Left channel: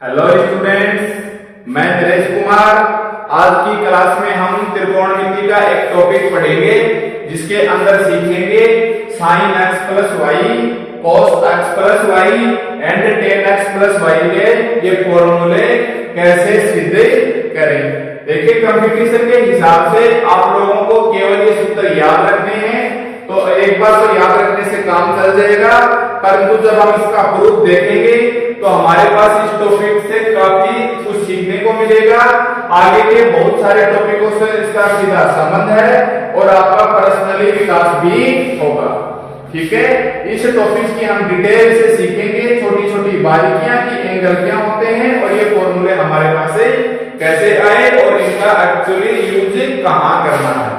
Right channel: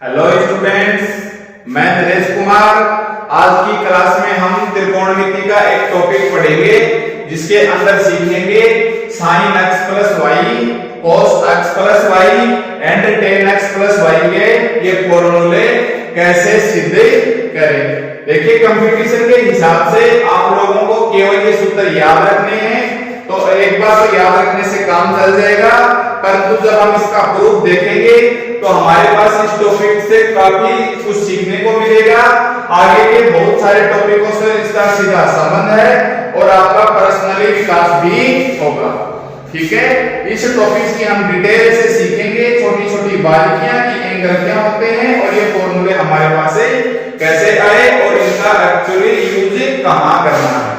Hello students, मैं नरेश कुमार। आज की क्लास में हम त्रिकोणमिति का एक टॉपिक पढ़ेंगे जिसके अंदर सीखेंगे sin x plus y, cos x plus y and tan x plus y के ये फॉर्मूले कैसे सिद्ध करें। देखिए, कंपटीशन के हिसाब से आप लोगों को केवल ये सूत्र याद रखने हैं, तो एक बार तो याद रखने से काम चल जाएगा, परंतु जब हम इसका प्रूफ देखेंगे तो हमारे पास इस टॉपिक से काफी कुछ सीखने को मिलेगा। आगे के बहुत सारे टॉपिकों से इसका सीधा संबंध है और आपका पर्सनली विकास भी होगा। ठीक है, इस टॉपिक की हम डिटेल से सीखेंगे, छोटी छोटी बारीकियां कि एंगल क्या होते हैं और ये फॉर्मूले हमारे पास से कैसे आए और इनका एक्चुअली यूज कहां करना है।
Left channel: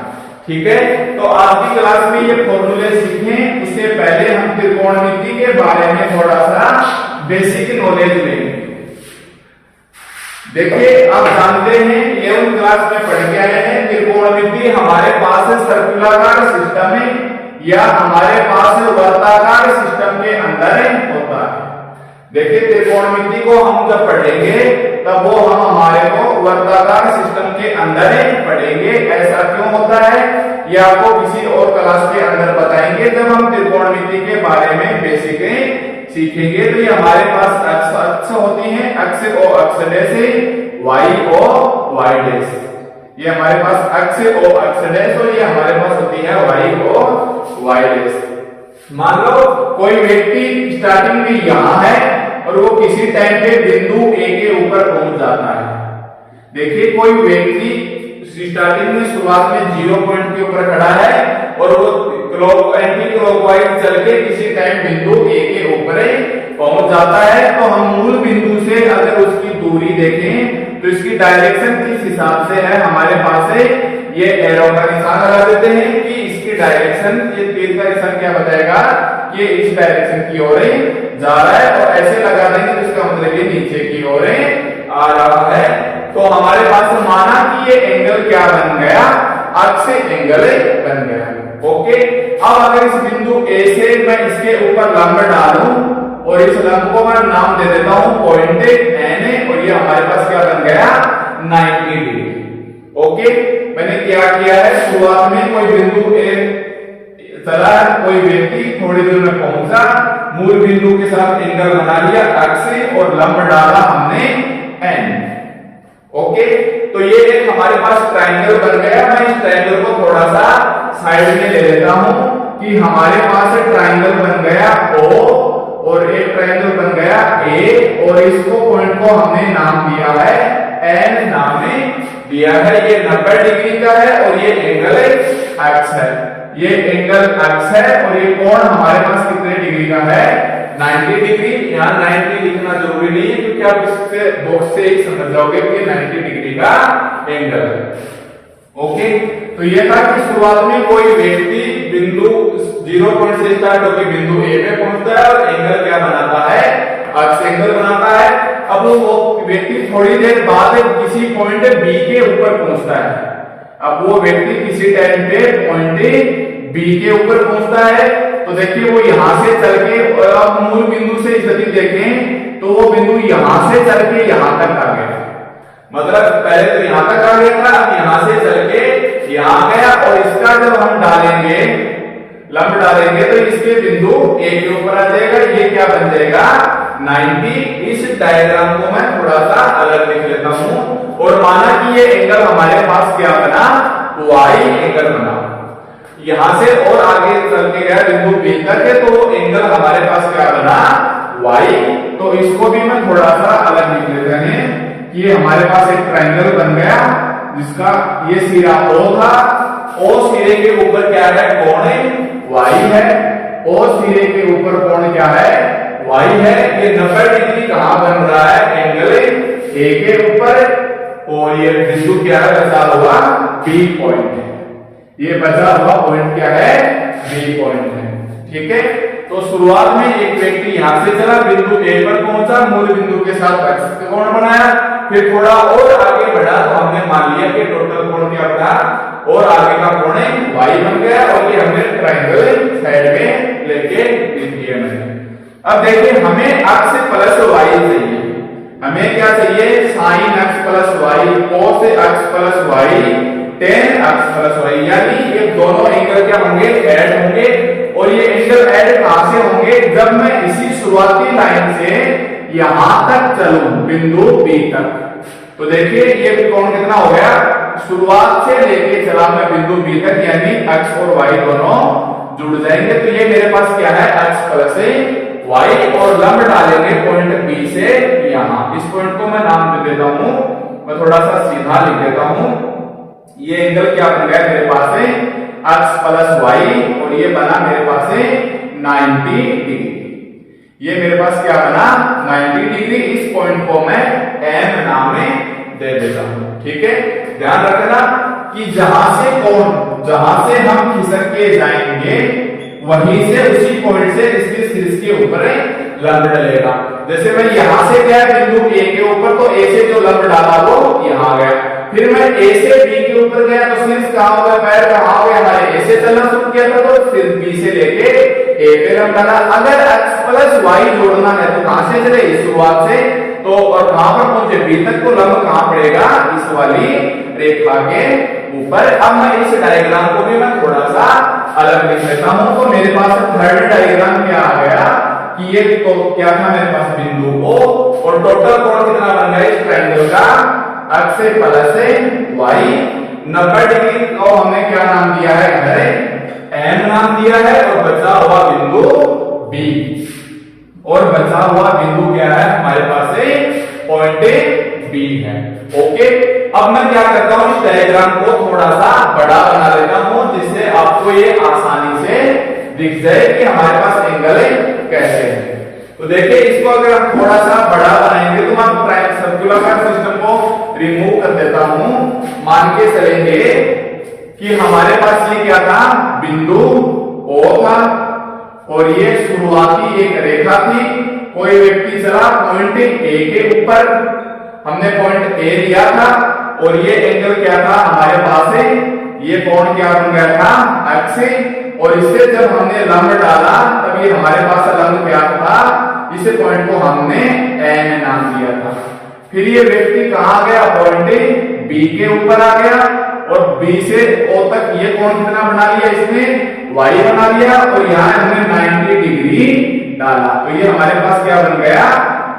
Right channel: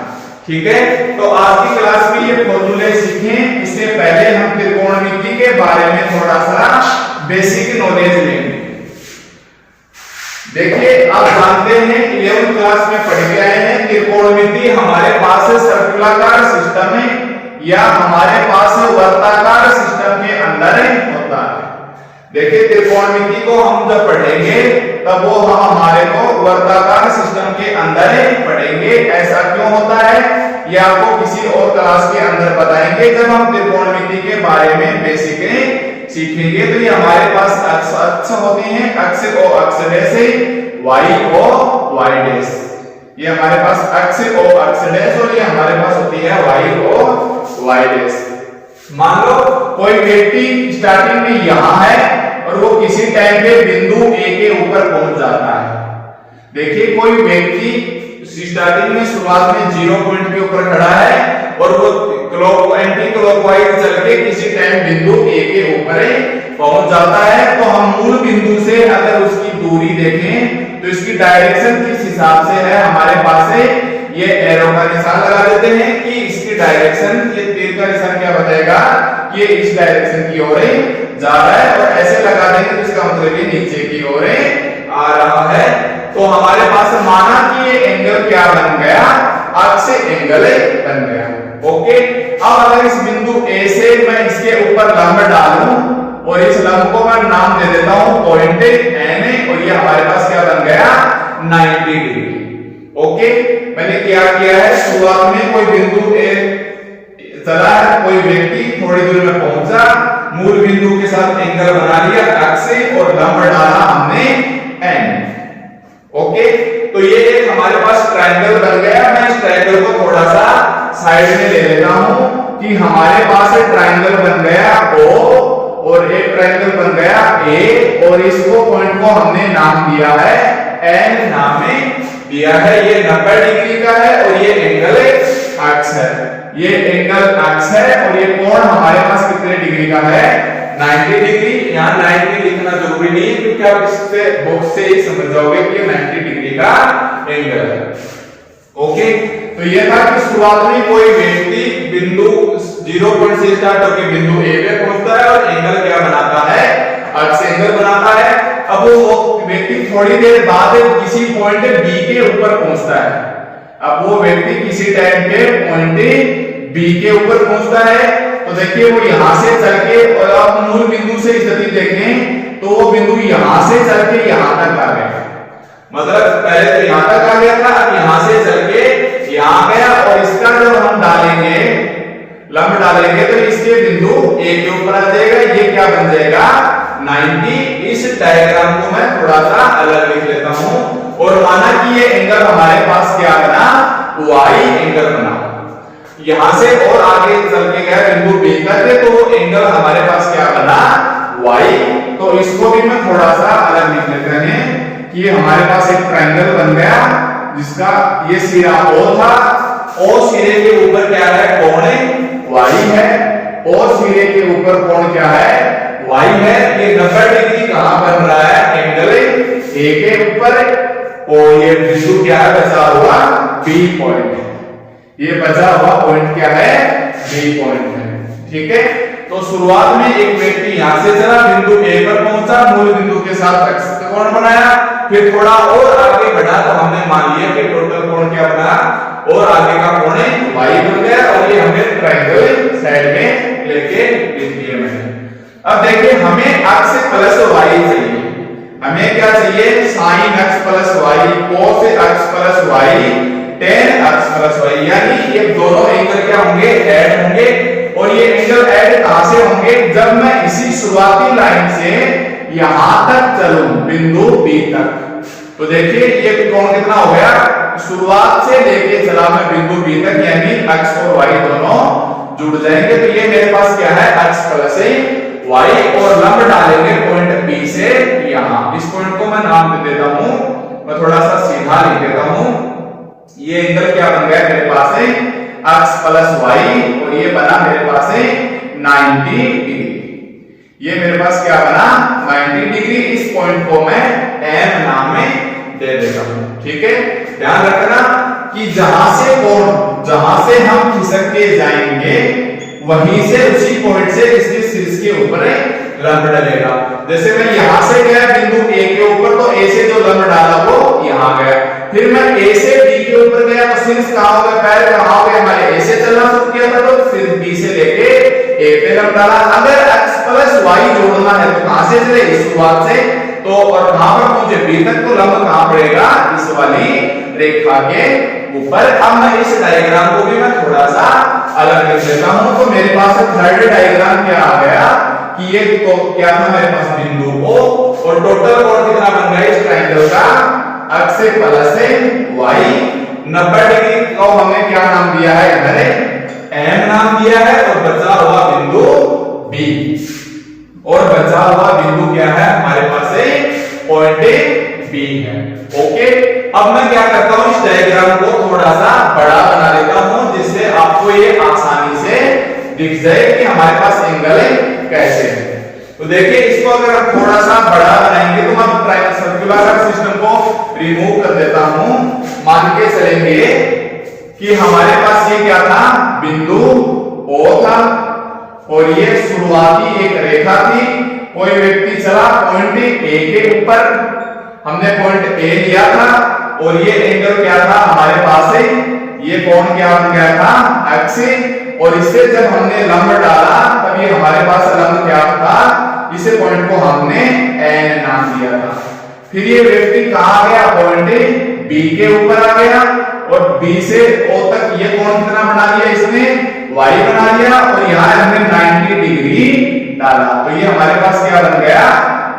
ठीक है, तो आज की क्लास में ये फॉर्मूले सीखें। इससे पहले हम त्रिकोणमिति के बारे में थोड़ा सा बेसिक नॉलेज लेंगे। देखिए, आप जानते हैं 11th क्लास में पढ़ के आए हैं, त्रिकोणमिति हमारे पास सर्कुलाकार सिस्टम है या हमारे पास वर्ताकार सिस्टम के अंदर होता है। देखिए, त्रिकोणमिति को हम जब पढ़ेंगे तब वो हम हमारे को वर्ताकार सिस्टम के अंदर पढ़ेंगे। ऐसा क्यों होता है ये आपको किसी और क्लास के अंदर बताएंगे जब हम त्रिकोणमिति के बारे में बेसिक सीखेंगे। तो ये हमारे पास अक्ष होती हैं, अक्ष ओ अक्ष dash, Y O Y dash. ये हमारे पास अक्ष ओ अक्ष डैश और ये हमारे पास होती है वाई ओ वाई डैश। मान लो कोई व्यक्ति स्टार्टिंग में यहां है और वो किसी टाइम पे बिंदु ए के ऊपर पहुंच जाता है। देखिए, कोई व्यक्ति स्टार्टिंग में शुरुआत में 0 पॉइंट के ऊपर खड़ा है और वो एंटी क्लॉकवाइज चल के किसी टाइम बिंदु ए के ऊपर पहुंच जाता है। तो हम मूल बिंदु से अगर उसकी दूरी देखें तो इसकी डायरेक्शन किस हिसाब से है, हमारे पास है ये एरो का निशान लगा देते हैं कि इसकी डायरेक्शन, ये तीर का निशान क्या बताएगा कि ये इस डायरेक्शन की ओर जा रहा है, और ऐसे लगा देंगे तो इसका मतलब ये नीचे की ओर आ रहा है। तो हमारे पास माना कि ये एंगल क्या बन गया, अक्ष एंगल बन गया। ओके, अब अगर इस बिंदु ए से मैं इसके ऊपर लंब डालूं और इस लंब को मैं नाम दे देता हूं पॉइंट एन, और ये हमारे पास क्या बन गया 90 डिग्री। ओके, मैंने क्या किया है, शुरुआत में कोई बिंदु ए चला है, कोई व्यक्ति थोड़ी दूर में पहुंचा, मूल बिंदु के साथ एंगल बना लिया अक्ष और लंब डाला हमने एन। ओके, तो ये एक हमारे पास ट्रायंगल बन गया। मैं इस ट्रायंगल को थोड़ा सा साइड में ले लेता हूं कि हमारे पास एक ट्रायंगल बन गया O और एक ट्रायंगल बन गया A, और इसको पॉइंट को हमने नाम दिया है N, नाम में दिया है। ये 90 डिग्री का है और ये एंगल अक्ष है, ये एंगल अक्ष है और ये कोण हमारे पास कितने डिग्री का है 90 डिग्री। यहाँ 90 लिखना जरूरी नहीं है क्योंकि आप इससे बॉक्स से ही समझ जाओगे कि 90 डिग्री का एंगल है। ओके, तो ये था कि शुरुआत में कोई व्यक्ति बिंदु 0 पॉइंट से स्टार्ट होकर बिंदु ए पे पहुंचता है और एंगल क्या बनाता है, अक्ष एंगल बनाता है। अब वो व्यक्ति थोड़ी देर बाद किसी पॉइंट बी के ऊपर पहुंचता है। अब वो व्यक्ति किसी टाइम पे पॉइंट बी के ऊपर पहुंचता है, तो देखिए वो यहां से चल के, और आप मूल बिंदु से स्थिति देखें तो वो बिंदु यहां से चल के यहां तक आ गया। मतलब पहले तो यहां तक आ गया था, अब यहां से चल के यहां गया, और इसका जब हम डालेंगे लंब डालेंगे तो इसके बिंदु ए के ऊपर आ जाएगा। ये क्या बन जाएगा 90। इस डायग्राम को मैं थोड़ा सा अलग लिख लेता हूं और माना कि ये एंगल हमारे पास क्या बना, वाई एंगल बना। यहां से और आगे चल के गया बिंदु बी तक, तो एंगल हमारे पास क्या बना वाई। तो इसको भी मैं थोड़ा सा अलग लिख लेते हैं कि ये हमारे पास एक ट्रायंगल बन गया जिसका ये सिरा O था, O सिरे के ऊपर क्या है कोण वाई है, और सिरे के ऊपर कोण क्या है वाई है। ये 90 डिग्री कहां बन रहा है, एंगल ए के ऊपर, और ये बिंदु क्या है बचा हुआ बी पॉइंट। ये बचा हुआ पॉइंट क्या है बी पॉइंट है। ठीक है, तो शुरुआत में एक व्यक्ति यहां से चला, बिंदु ए पर पहुंचा, मूल बिंदु के साथ अक्ष कोण बनाया, फिर थोड़ा और आगे बढ़ा तो हमने मान लिया कि टोटल कोण क्या बना, और आगे का कोण वाई बन गया, और ये हमने ट्रायंगल साइड में लेके लिख दिया मैंने। अब देखिए, हमें अक्ष प्लस वाई चाहिए, हमें क्या चाहिए, sin x plus y cos x plus y tan x plus y, यानी ये दोनों एंगल क्या होंगे, ऐड होंगे। और ये एंगल ऐड कहां से होंगे, जब मैं इसी शुरुआती लाइन से यहां तक चलूं बिंदु B तक। तो देखिए ये कोण कितना हो गया, शुरुआत से लेके चला मैं बिंदु B तक, यानी x और y दोनों जुड़ जाएंगे। तो ये मेरे पास क्या है, x प्लस y, और लंब डालेंगे पॉइंट B से यहां। इस पॉइंट को मैं नाम दे देता हूं, मैं थोड़ा सा सीधा लिख देता हूं। ये एंगल क्या बन गया मेरे पास है x प्लस y, और ये बना मेरे पास है 90 डिग्री। ये मेरे पास क्या बना 90 डिग्री। इस पॉइंट को मैं M नाम में दे देता हूं। ठीक है, ध्यान रखना कि जहां से हम खिसक के जाएंगे वहीं से उसी पॉइंट से इसके शीर्ष के ऊपर लंब डलेगा। जैसे मैं यहां से गया बिंदु A के ऊपर, तो A से जो लंब डाला वो यहां गया। फिर मैं A से B के ऊपर गया तो शीर्ष कहां हो गया, पैर कहां हो गया, हमारे A से चलना शुरू किया था तो फिर B से लेके A पे लंब डाला। अगर x प्लस y जोड़ना है तो कहां से चले, इस शुरुआत से, तो और कहां पर पहुंचे B तक, तो लंब कहां पड़ेगा, इस वाली रेखा के ऊपर। अब मैं इस डायग्राम को भी मैं थोड़ा सा अलग लिख लेता हूं। तो मेरे पास थर्ड डायग्राम क्या आ गया कि ये तो क्या था मेरे पास बिंदु O, और टोटल कोण कितना बन गया इस ट्रायंगल का, x प्लस y 90 डिग्री को हमने क्या नाम दिया है, इधर M नाम दिया है। और बचा हुआ बिंदु B, और बचा हुआ बिंदु क्या है हमारे पास पॉइंट B है। ओके, अब मैं क्या करता हूं, इस डायग्राम को थोड़ा सा बड़ा बना लेता हूं, जिससे आपको ये आसानी से दिख जाए कि हमारे पास एंगल कैसे है। तो देखिए इसको अगर हम थोड़ा सा बड़ा बनाएंगे तो मैं सर्कुलर सिस्टम को रिमूव कर देता हूं। मान के चलेंगे कि हमारे पास ये क्या था, बिंदु O था, और ये शुरुआती एक रेखा थी। कोई व्यक्ति चला पॉइंट A के ऊपर, हमने पॉइंट A लिया था, और ये एंगल क्या था हमारे पास है, ये कोण क्या बन गया था x, और इससे जब हमने लंब डाला तब ये हमारे पास लंब क्या था, इस पॉइंट को हमने N नाम दिया था। फिर ये व्यक्ति कहां गया, पॉइंट B के ऊपर आ गया, और B से O तक ये कोण कितना बना लिया इसने, y बना लिया, और यहाँ हमने 90 डिग्री डाला। तो ये हमारे पास क्या बन गया,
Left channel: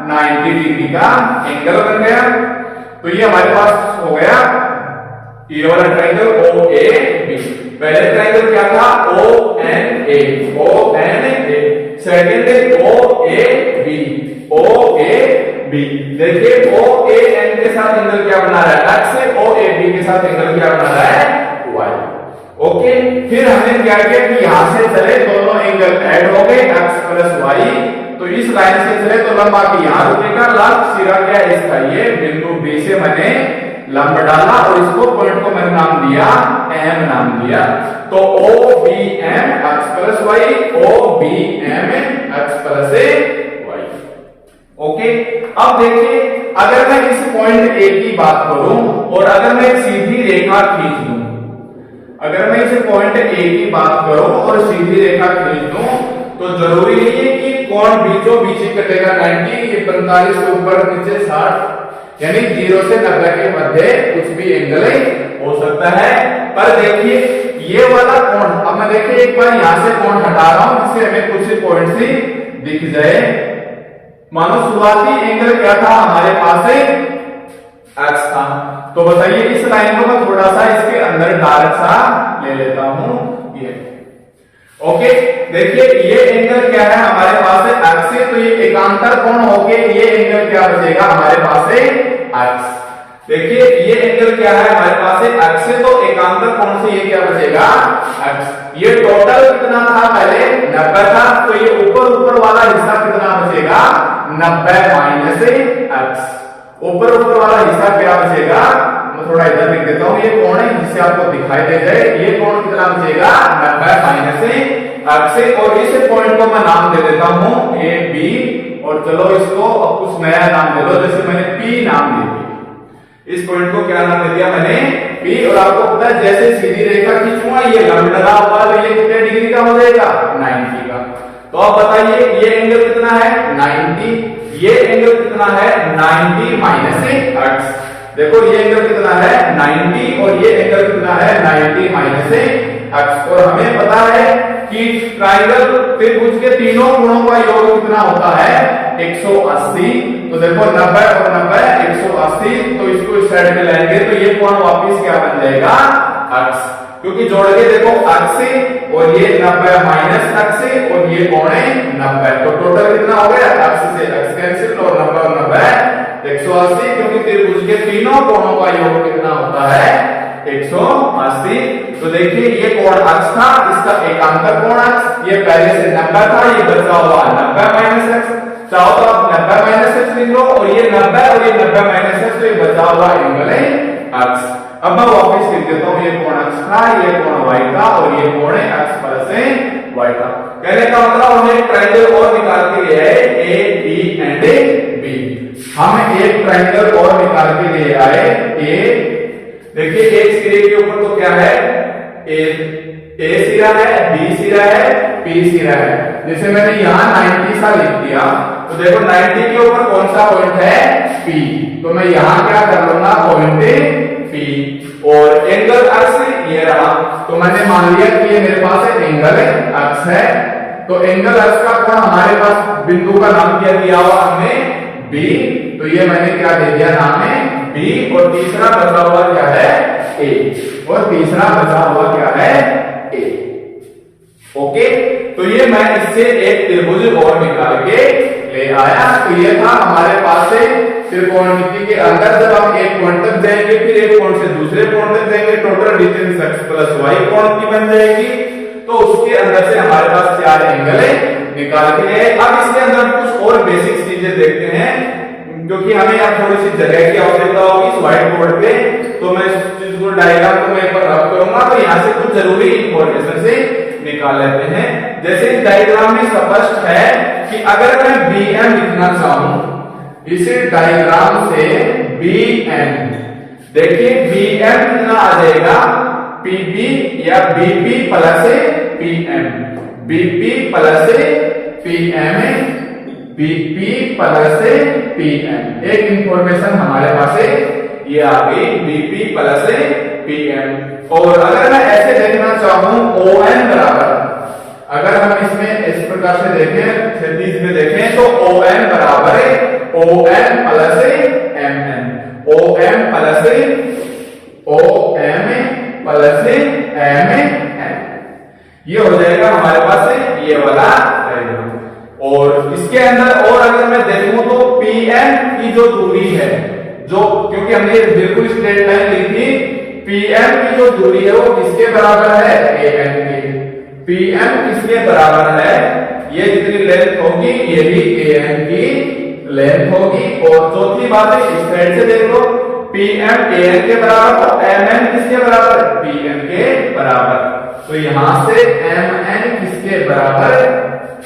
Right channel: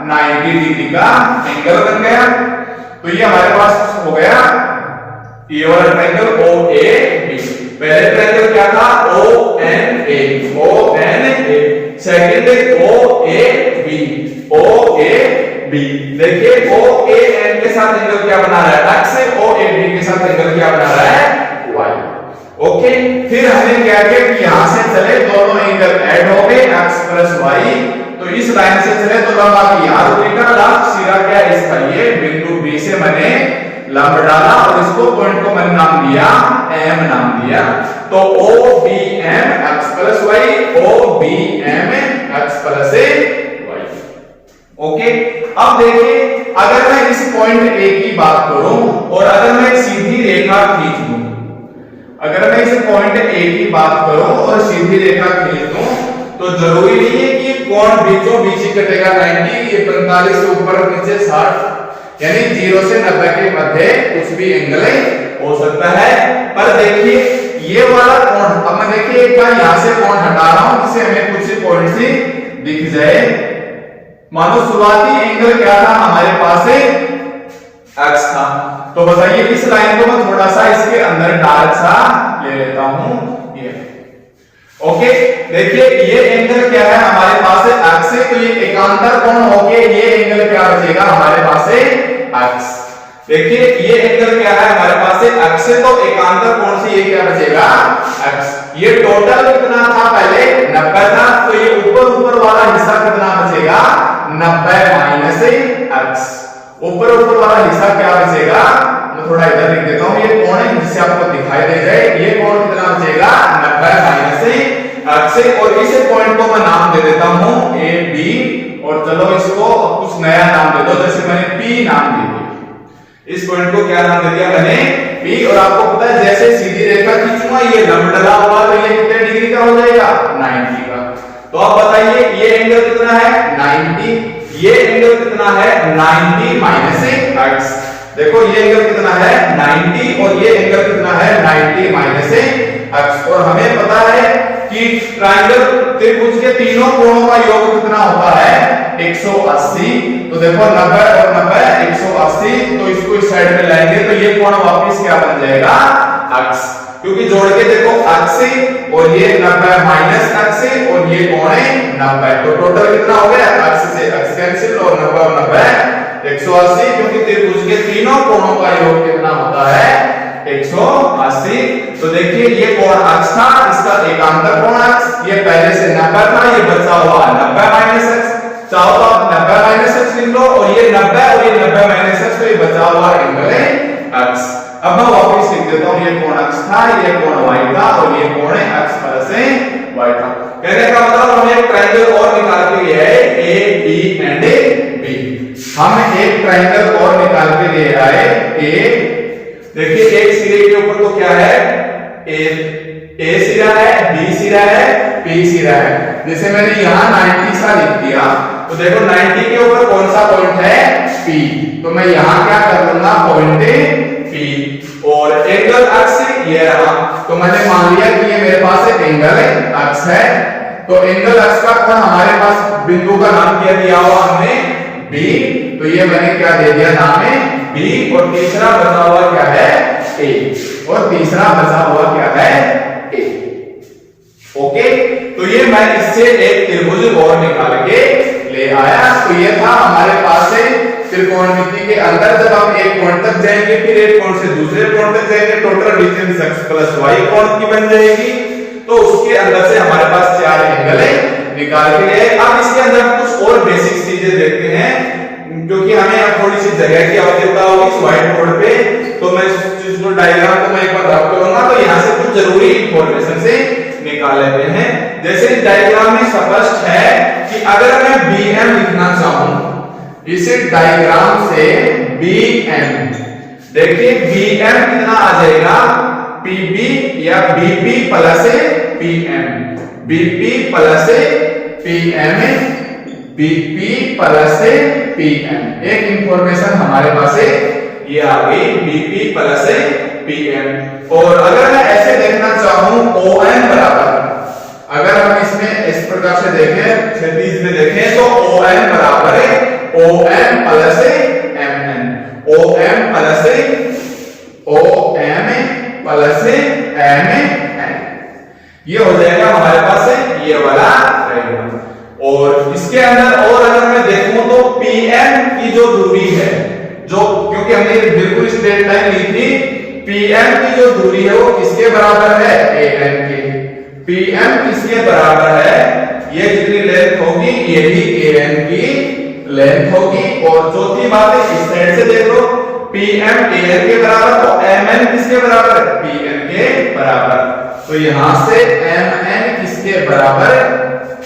90 डिग्री का एंगल बन गया। तो ये हमारे पास हो गया ये वाला ट्रायंगल OAB। पहले ट्रायंगल क्या था, ONA, सेकंड OAB। देखिए OAN के साथ एंगल क्या बना रहा है, x, OAB के साथ एंगल क्या बना रहा है, y। ओके, फिर हमने क्या किया कि यहां से चले दोनों एंगल ऐड हो गए, x प्लस y। तो इस लाइन से चले तो लंब आके यहां रुकेगा, लंब सिरा क्या है इसका, ये बिंदु B से मैंने लंब डाला, और इसको पॉइंट को मैंने नाम दिया M नाम दिया। तो OBM x plus y, OBM x plus y। Okay, अब देखिए अगर मैं इस पॉइंट A की बात करूं और अगर मैं एक सीधी रेखा खींच दूं, अगर मैं इस पॉइंट A की बात करूं और सीधी रेखा खींच दूं, तो जरूरी नहीं है कि कोण बीचों बीच कटेगा 90, ये 45 से ऊपर नीचे 60, यानी 0 से 90 के मध्य कुछ भी एंगल हो सकता है। पर देखिए ये वाला कोण, अब मैं देखिए एक बार यहां से कोण हटा रहा हूं जिससे हमें कुछ पॉइंट से दिख जाए। मानो शुरुआती एंगल क्या था हमारे पास x था, तो बताइए इस लाइन को मैं थोड़ा सा इसके अंदर डार्क सा ले लेता हूं, ये ओके। देखिए ये एंगल क्या है हमारे पास x है, तो ये एकांतर कोण होके ये एंगल क्या बचेगा हमारे पास x। देखिए ये एंगल क्या है हमारे पास x है, तो एकांतर कोण से ये क्या बचेगा x। ये टोटल कितना था पहले 90 था, तो ये ऊपर वाला हिस्सा कितना बचेगा 90 माइनस x। ऊपर वाला हिस्सा क्या बचेगा, मैं थोड़ा इधर लिख देता हूं, ये कोण है जिससे आपको दिखाई दे जाए, ये कोण कितना बचेगा 90 माइनस x। और इस पॉइंट को मैं नाम दे देता हूं AB, और चलो इसको कुछ नया नाम दे दो, जैसे मैंने P नाम दे दिया। इस पॉइंट को क्या नाम दे दिया मैंने P। और आपको पता है जैसे सीधी रेखा खींचूंगा ये लंब डला हुआ, तो ये कितने डिग्री का हो जाएगा 90 का। तो आप बताइए ये एंगल कितना है 90, ये एंगल कितना है 90 माइनस एक्स। देखो ये एंगल कितना है 90 और ये एंगल कितना है 90 माइनस एक्स। और हमें पता है कि ट्रायंगल त्रिभुज के तीनों कोणों का योग कितना होता है 180। तो देखो 90 और 90 180, तो इसको इस साइड में लाएंगे तो ये कोण वापस क्या बन जाएगा एक्स, क्योंकि जोड़ के देखो एक्स और ये 90 माइनस एक्स और ये कोण है 90, तो टोटल कितना हो गया एक्स से एक्स कैंसिल और 90 और 90 180, क्योंकि त्रिभुज के तीनों कोणों का योग कितना होता है 180। तो देखिए ये कोण एक्स था, इसका एकांतर कोण एक्स, ये पहले से 90 था, ये बचा हुआ 90 माइनस एक्स। चाहो तो आप 90 माइनस एक्स लिख लो और ये 90 और ये 90 माइनस एक्स, तो ये बचा हुआ एंगल है एक्स। अब मैं वापस लिख देता हूं, ये कोण x था, ये कोण y था और ये कोण x प्लस y था। कहने का मतलब हमें एक ट्रायंगल और निकाल के ले आए a b एंड b। हम एक ट्रायंगल और निकाल के ले आए a, देखिए एक सिरे के ऊपर तो क्या है a सिरा है, b सिरा है, p सिरा है। जैसे मैंने यहां 90 सा लिख दिया, तो देखो 90 के ऊपर कौन सा पॉइंट है p, तो मैं यहां क्या कर लूंगा पॉइंट P, और एंगल x ये रहा, तो मैंने मान लिया कि ये मेरे पास एक एंगल x है। तो एंगल x का कोण हमारे पास बिंदु का नाम क्या दिया हुआ हमने B, तो ये मैंने क्या दे दिया नाम है B, और तीसरा बचा हुआ क्या है A, और तीसरा बचा हुआ क्या है A। ओके, तो ये मैं इससे एक त्रिभुज और निकाल के ले आया। तो ये था हमारे पास से त्रिकोणमिति के अंदर, जब हम एक कोण तक जाएंगे फिर एक कोण से दूसरे कोण तक जाएंगे, total distance x plus y कोण की बन जाएगी। तो उसके अंदर से हमारे पास 4 एंगल निकाल के लिए। अब इसके अंदर कुछ और बेसिक चीजें देखते हैं, क्योंकि हमें अब थोड़ी सी जगह की आवश्यकता होगी इस व्हाइट बोर्ड पे, तो मैं इस चीज को डायग्राम को मैं एक बार रब करूंगा, तो यहाँ से कुछ जरूरी इंफॉर्मेशन से निकाल लेते हैं। जैसे इस डायग्राम में स्पष्ट है कि अगर मैं bm लिखना चाहूं, इस डायग्राम से bm, देखिए bm कितना आ जाएगा pb या bp plus pm, bp plus pm, bp plus pm। एक इंफॉर्मेशन हमारे पास है ये आ गई bp प्लस pm। और अगर मैं ऐसे देखना चाहूं om बराबर, अगर हम इसमें इस प्रकार से देखें, क्षैतिज में देखें, तो om बराबर है om plus mn, om plus mn, ये हो जाएगा हमारे पास ये वाला रहेगा। और इसके अंदर और अगर मैं देखूं तो pm की जो दूरी है, जो क्योंकि हमने बिल्कुल स्ट्रेट लाइन ली थी, pm की जो दूरी है वो किसके बराबर है am के। pm किसके बराबर है, ये कितनी लेंथ होगी, ये भी am की लेंथ होगी। और चौथी बात है इस साइड से देख लो, pm am के बराबर, तो mn किसके बराबर है pm के बराबर। तो यहां से mn किसके बराबर,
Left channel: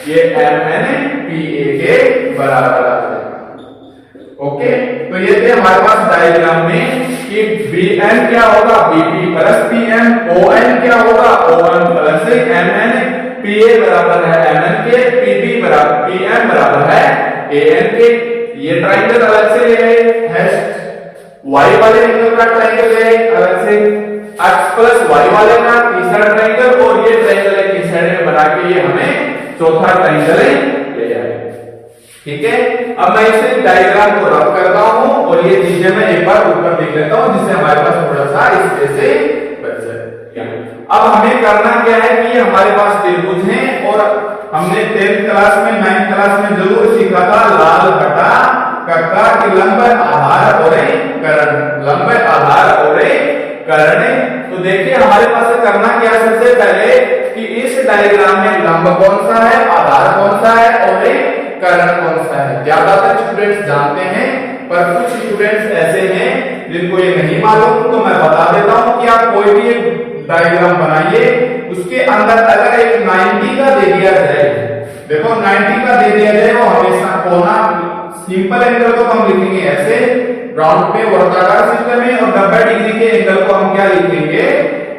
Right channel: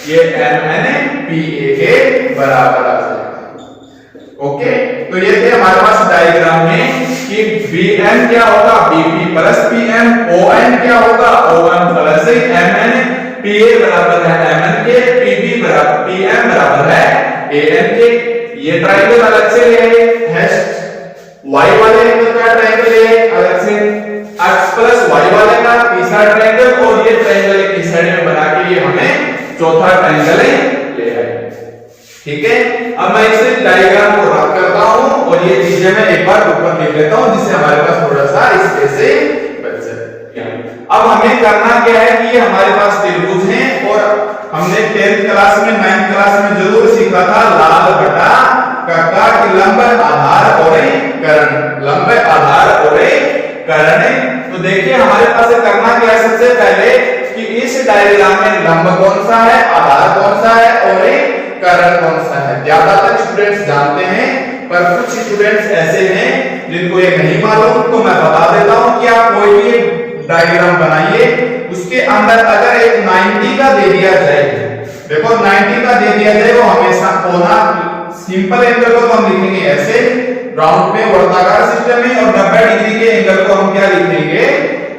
ये mn pa के बराबर आ जाएगा। ओके, तो ये थे हमारे पास डायग्राम में कि bm क्या होगा bp प्लस pm, om क्या होगा om प्लस mn, pa बराबर है mn के, pb बराबर pm बराबर है an के। ये ट्रायंगल अलग से ले आए, y वाले एंगल का ट्रायंगल ले आए अलग से, x प्लस y वाले का तीसरा ट्रायंगल, और ये ट्रायंगल एक साइड में बना के ये हमें चौथा ट्रायंगल ले आए। ठीक है, अब मैं इसे डायग्राम को रब करता हूं और ये चीजें मैं एक बार ऊपर लिख लेता हूं, जिससे हमारे पास थोड़ा सा स्पेस से बच जाए। अब हमें करना क्या है कि ये हमारे पास त्रिभुज हैं, और हमने 10th क्लास में 9th क्लास में जरूर सीखा था लाल बटा कक्का की लंब आधार और कर्ण, लंब आधार और कर्ण। तो देखिए हमारे पास करना क्या है, सबसे पहले कि इस डायग्राम में लंब कौन सा है, आधार कौन सा है और कर्ण कौन सा है। ज्यादातर स्टूडेंट्स जानते हैं, पर कुछ स्टूडेंट्स ऐसे हैं जिनको ये नहीं मालूम, तो मैं बता देता हूं कि आप कोई भी डायग्राम बनाइए, उसके अंदर अगर एक 90 का दे दिया जाए, देखो 90 का दे दिया जाए, वो हमेशा कोना सिंपल एंगल को तो हम लिखेंगे ऐसे, राउंड पे वर्ताकार सिस्टम में, और 90 डिग्री के एंगल को हम क्या लिखेंगे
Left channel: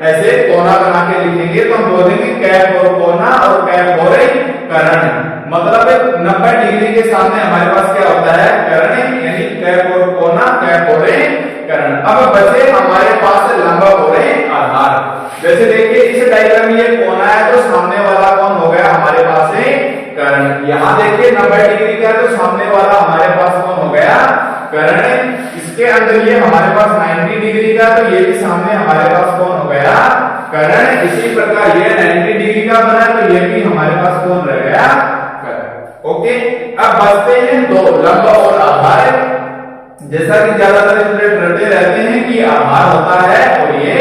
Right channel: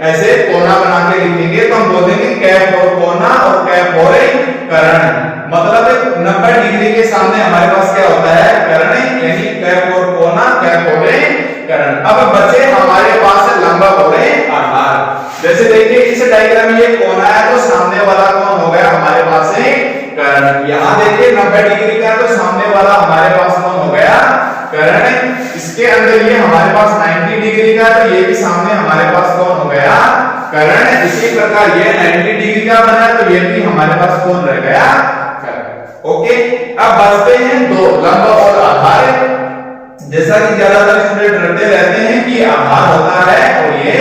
ऐसे कोना बना के लिखेंगे तो हम बोलेंगे कैप और कोना और कैप और कर्ण। मतलब 90 डिग्री के सामने हमारे पास क्या होता है, कर्ण, यानी कैप और कोना, कैप और कर्ण। अब बचे हमारे पास लंब और आधार। जैसे देखिए इस डायग्राम में ये कोना है तो सामने वाला कौन हो गया हमारे पास कर्ण। यहाँ देखिए 90 डिग्री का है तो सामने वाला हमारे पास कौन हो गया, कर्ण। इसके अंदर ये हमारे पास 90 डिग्री का तो ये भी सामने हमारे पास कौन हो गया, कर्ण। इसी प्रकार ये 90 डिग्री का बना तो ये भी हमारे पास कौन रह गया, कर्ण। ओके, अब बचते हैं दो, लंब और आधार। जैसा कि ज्यादातर स्टूडेंट डरते रहते हैं कि आधार होता है और ये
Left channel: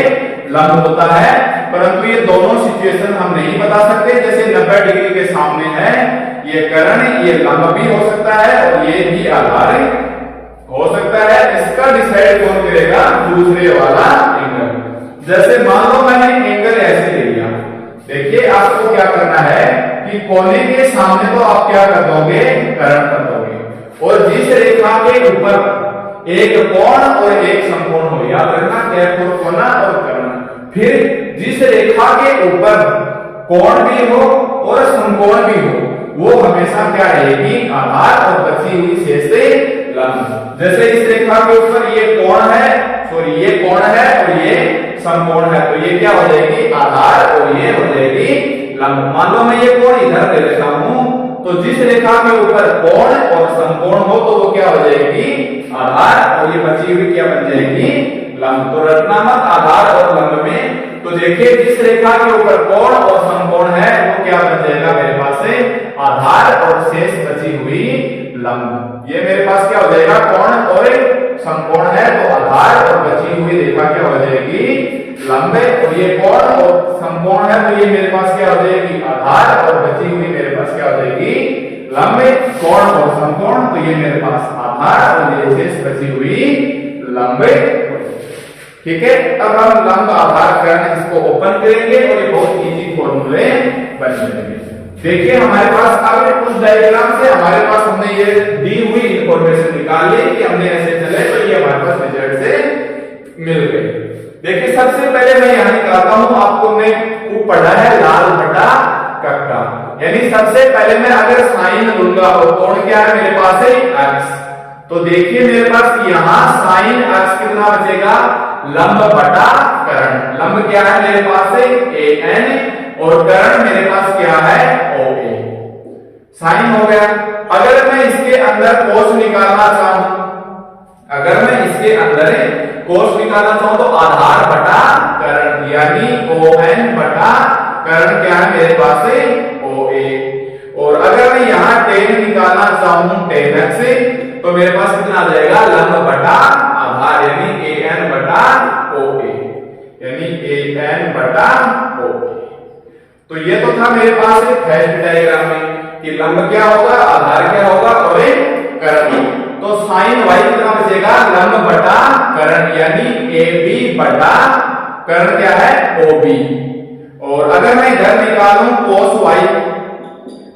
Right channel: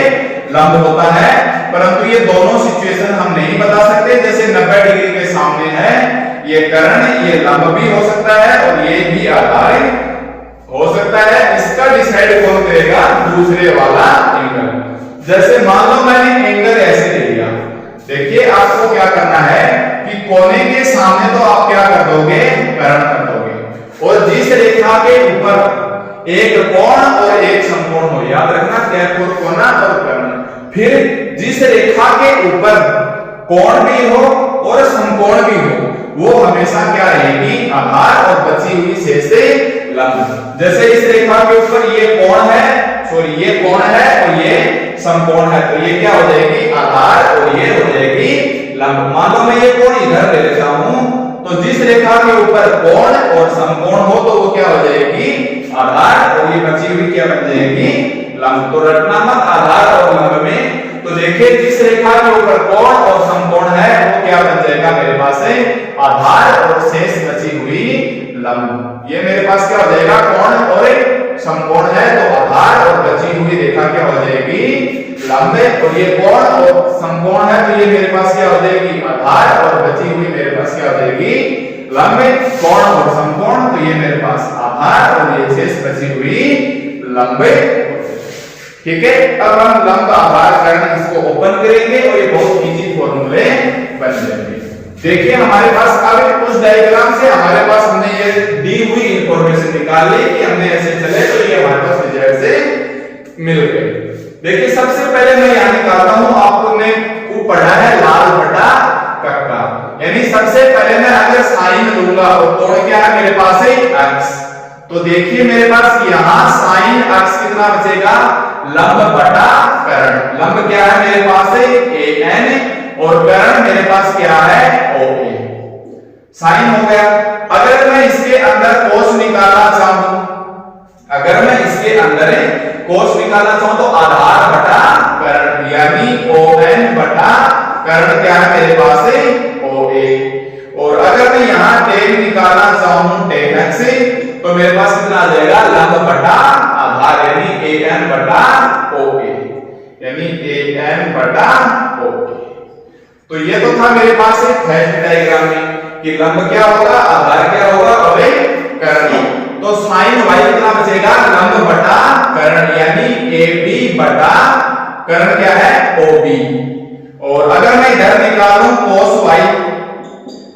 लंब होता है, परंतु ये दोनों सिचुएशन हम नहीं बता सकते। जैसे 90 डिग्री के सामने है ये कर्ण, ये लंब भी हो सकता है और ये भी आधार हो सकता है। इसका डिसाइड कौन करेगा, दूसरे वाला एंगल। जैसे मान लो मैंने एंगल ऐसे ले लिया, देखिए आपको क्या करना है कि कोने के सामने तो आप क्या कर दोगे, कर्ण कर दोगे, और जिस रेखा के ऊपर एक कोण और एक समकोण हो, याद रखना कैप और कोना और कर्ण। फिर जिस रेखा के ऊपर कोण भी हो और समकोण भी हो वो हमेशा क्या रहेगी, आधार, और बची हुई शेष लंब। जैसे इस रेखा के ऊपर ये कोण है, सॉरी ये कोण है और ये समकोण है, तो ये क्या हो जाएगी, आधार, और ये हो जाएगी लंब। मान लो मैं ये कोण इधर ले लेता हूं तो जिस रेखा के ऊपर कोण और समकोण हो तो वो क्या हो जाएगी, आधार, और ये बची हुई क्या बन जाएगी, लंब। तो रटना मत आधार और लंब में। तो देखिए जिस रेखा के ऊपर कोण और समकोण है वो क्या बन जाएगा मेरे पास है, आधार, और शेष बची हुई लंब। ये मेरे पास क्या हो जाएगा, कोण और समकोण है तो आधार, और बची हुई रेखा क्या हो जाएगी, लंब। और ये कोण और समकोण है तो ये मेरे पास क्या हो जाएगी, आधार, और बची हुई मेरे पास क्या हो जाएगी, लंब। कोण और समकोण तो ये मेरे पास आधार और ये शेष बची हुई लंब। ठीक है, अब हम लंब, आधार, कर्ण इसको ओपन करेंगे और ये बहुत इजी फॉर्मूले बन जाएंगे। देखिए हमारे पास अब उस डायग्राम से हमारे पास हमने ये दी हुई इंफॉर्मेशन निकाल ली कि हमने ऐसे चले तो ये हमारे पास रिजल्ट से मिल गए। देखिए सबसे पहले मैं यहाँ निकालता हूँ, आपको मैं खूब पढ़ा है लाल बटा कक्का, यानी सबसे पहले मैं अगर साइन लूंगा और कोण क्या है मेरे पास है x, तो देखिए मेरे पास यहाँ साइन x कितना बचेगा, लंब बटा कर्ण। लंब क्या है मेरे पास है an, और कर्ण मेरे पास क्या है OA। साइन हो गया। अगर मैं इसके अंदर कोस निकालना चाहूं, अगर मैं इसके अंदर कोस निकालना चाहूं तो आधार बटा कर्ण, यानी ON बटा कर्ण क्या है मेरे पास है OA। और अगर मैं यहाँ tan निकालना चाहूं tan x तो मेरे पास कितना आ जाएगा, लंब बटा आधार, यानी AN बटा OA, यानी AN बटा OA। तो ये तो था मेरे पास एक फर्स्ट डायग्राम में कि लंब क्या होगा, आधार क्या होगा और कर्ण। तो साइन y कितना बचेगा, लंब बटा कर्ण, यानी AB बटा कर्ण क्या है OB। और अगर मैं इधर निकालूं cos y,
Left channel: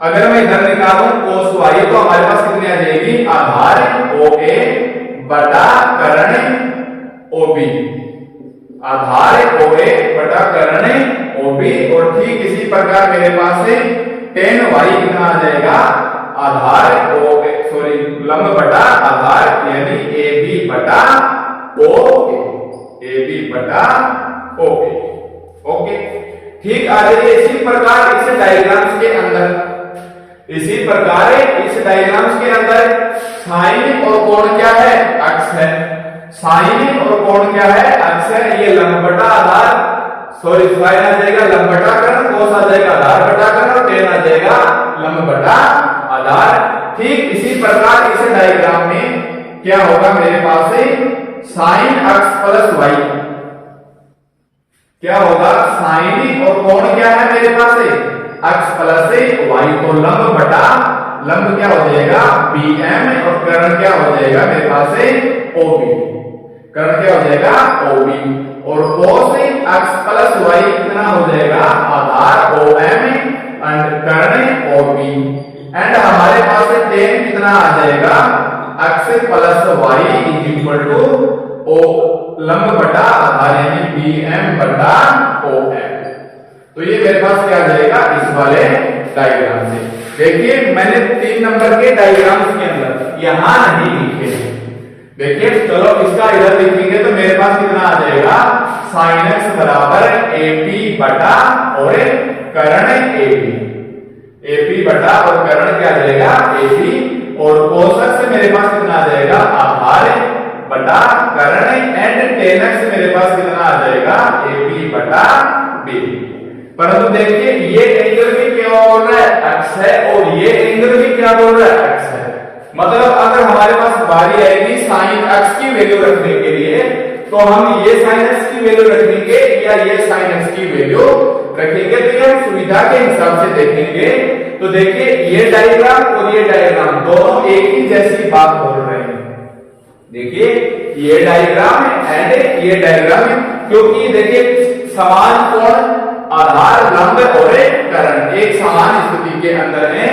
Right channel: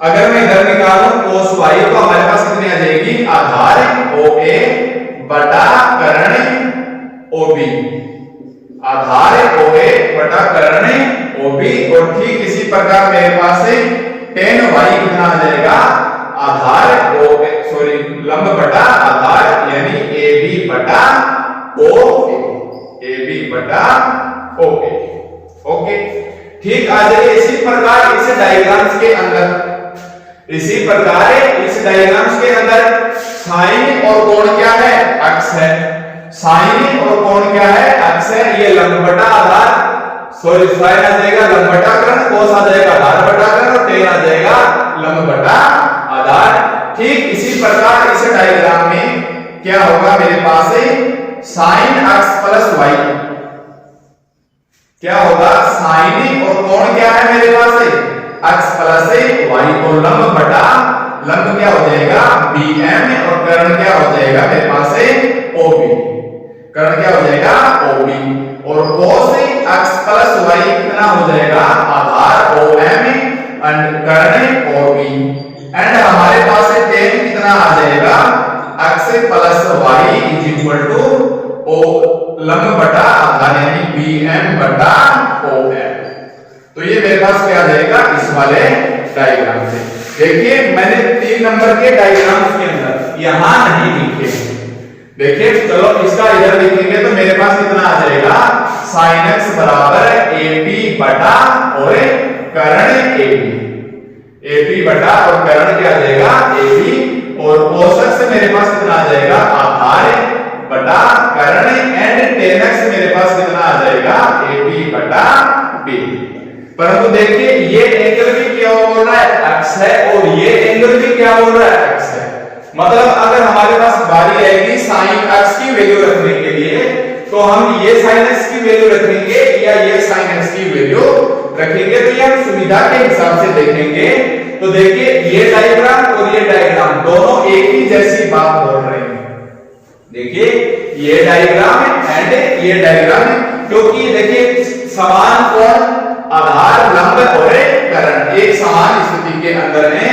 अगर मैं इधर निकालूं cos y तो हमारे पास कितनी आ जाएगी, आधार OA बटा कर्ण OB, आधार OA बटा कर्ण OB। और ठीक इसी प्रकार मेरे पास है tan y कितना आ जाएगा, आधार OA, सॉरी लंब बटा आधार, यानी AB बटा OA, AB बटा OA। ओके, ठीक। आ जाइए इसी प्रकार इस डायग्राम्स के अंदर, इसी प्रकार इस डायग्राम्स के अंदर साइन और कोण क्या है, अक्ष है। साइन और कोण क्या है, अक्ष है। ये लंब बटा आधार, सॉरी साइन आ जाएगा लंब बटा कर्ण, कोस आ जाएगा आधार बटा कर्ण, और tan आ जाएगा लंब बटा आधार। ठीक इसी प्रकार इस डायग्राम में क्या होगा मेरे पास है, साइन अक्ष प्लस y क्या होगा, साइन और कोण क्या है मेरे पास है, अक्ष प्लस y, तो लंब बटा लंब क्या हो जाएगा BM, और कर्ण क्या हो जाएगा मेरे पास है OB, कर्ण क्या हो जाएगा OB। और cos x प्लस y कितना हो जाएगा, आधार OM एंड कर्ण OB। एंड हमारे पास tan कितना आ जाएगा, x plus y is equal to O लंब बटा आधार यानी BM बटा OM। तो ये मेरे पास क्या आ जाएगा इस वाले डायग्राम से। देखिए मैंने 3 नंबर के डायग्राम के अंदर यहां नहीं लिखे, देखिए चलो इसका इधर लिखेंगे तो मेरे पास कितना आ जाएगा sin x बराबर AP बटा और कर्ण AP बटा और कर्ण क्या आ जाएगा AP, और औसत से मेरे पास कितना आ जाएगा आधार बटा कर्ण एंड tan x मेरे पास कितना आ जाएगा AP बटा B। परंतु देखिए ये एंगल भी क्या बोल रहा है x है और ये एंगल भी क्या बोल रहा है x है। मतलब अगर हमारे पास बारी आएगी sin x की वैल्यू रखने के लिए तो हम ये sin x की वैल्यू रखेंगे या ये sin x की वैल्यू रखेंगे, तो ये हम सुविधा के हिसाब से देखेंगे। तो देखिए ये डायग्राम और ये डायग्राम दोनों एक ही जैसी बात बोल रहे हैं। देखिए ये डायग्राम है एंड ये डायग्राम है, क्योंकि देखिए समान कोण आधार लंब और कर्ण एक समान स्थिति के अंदर है,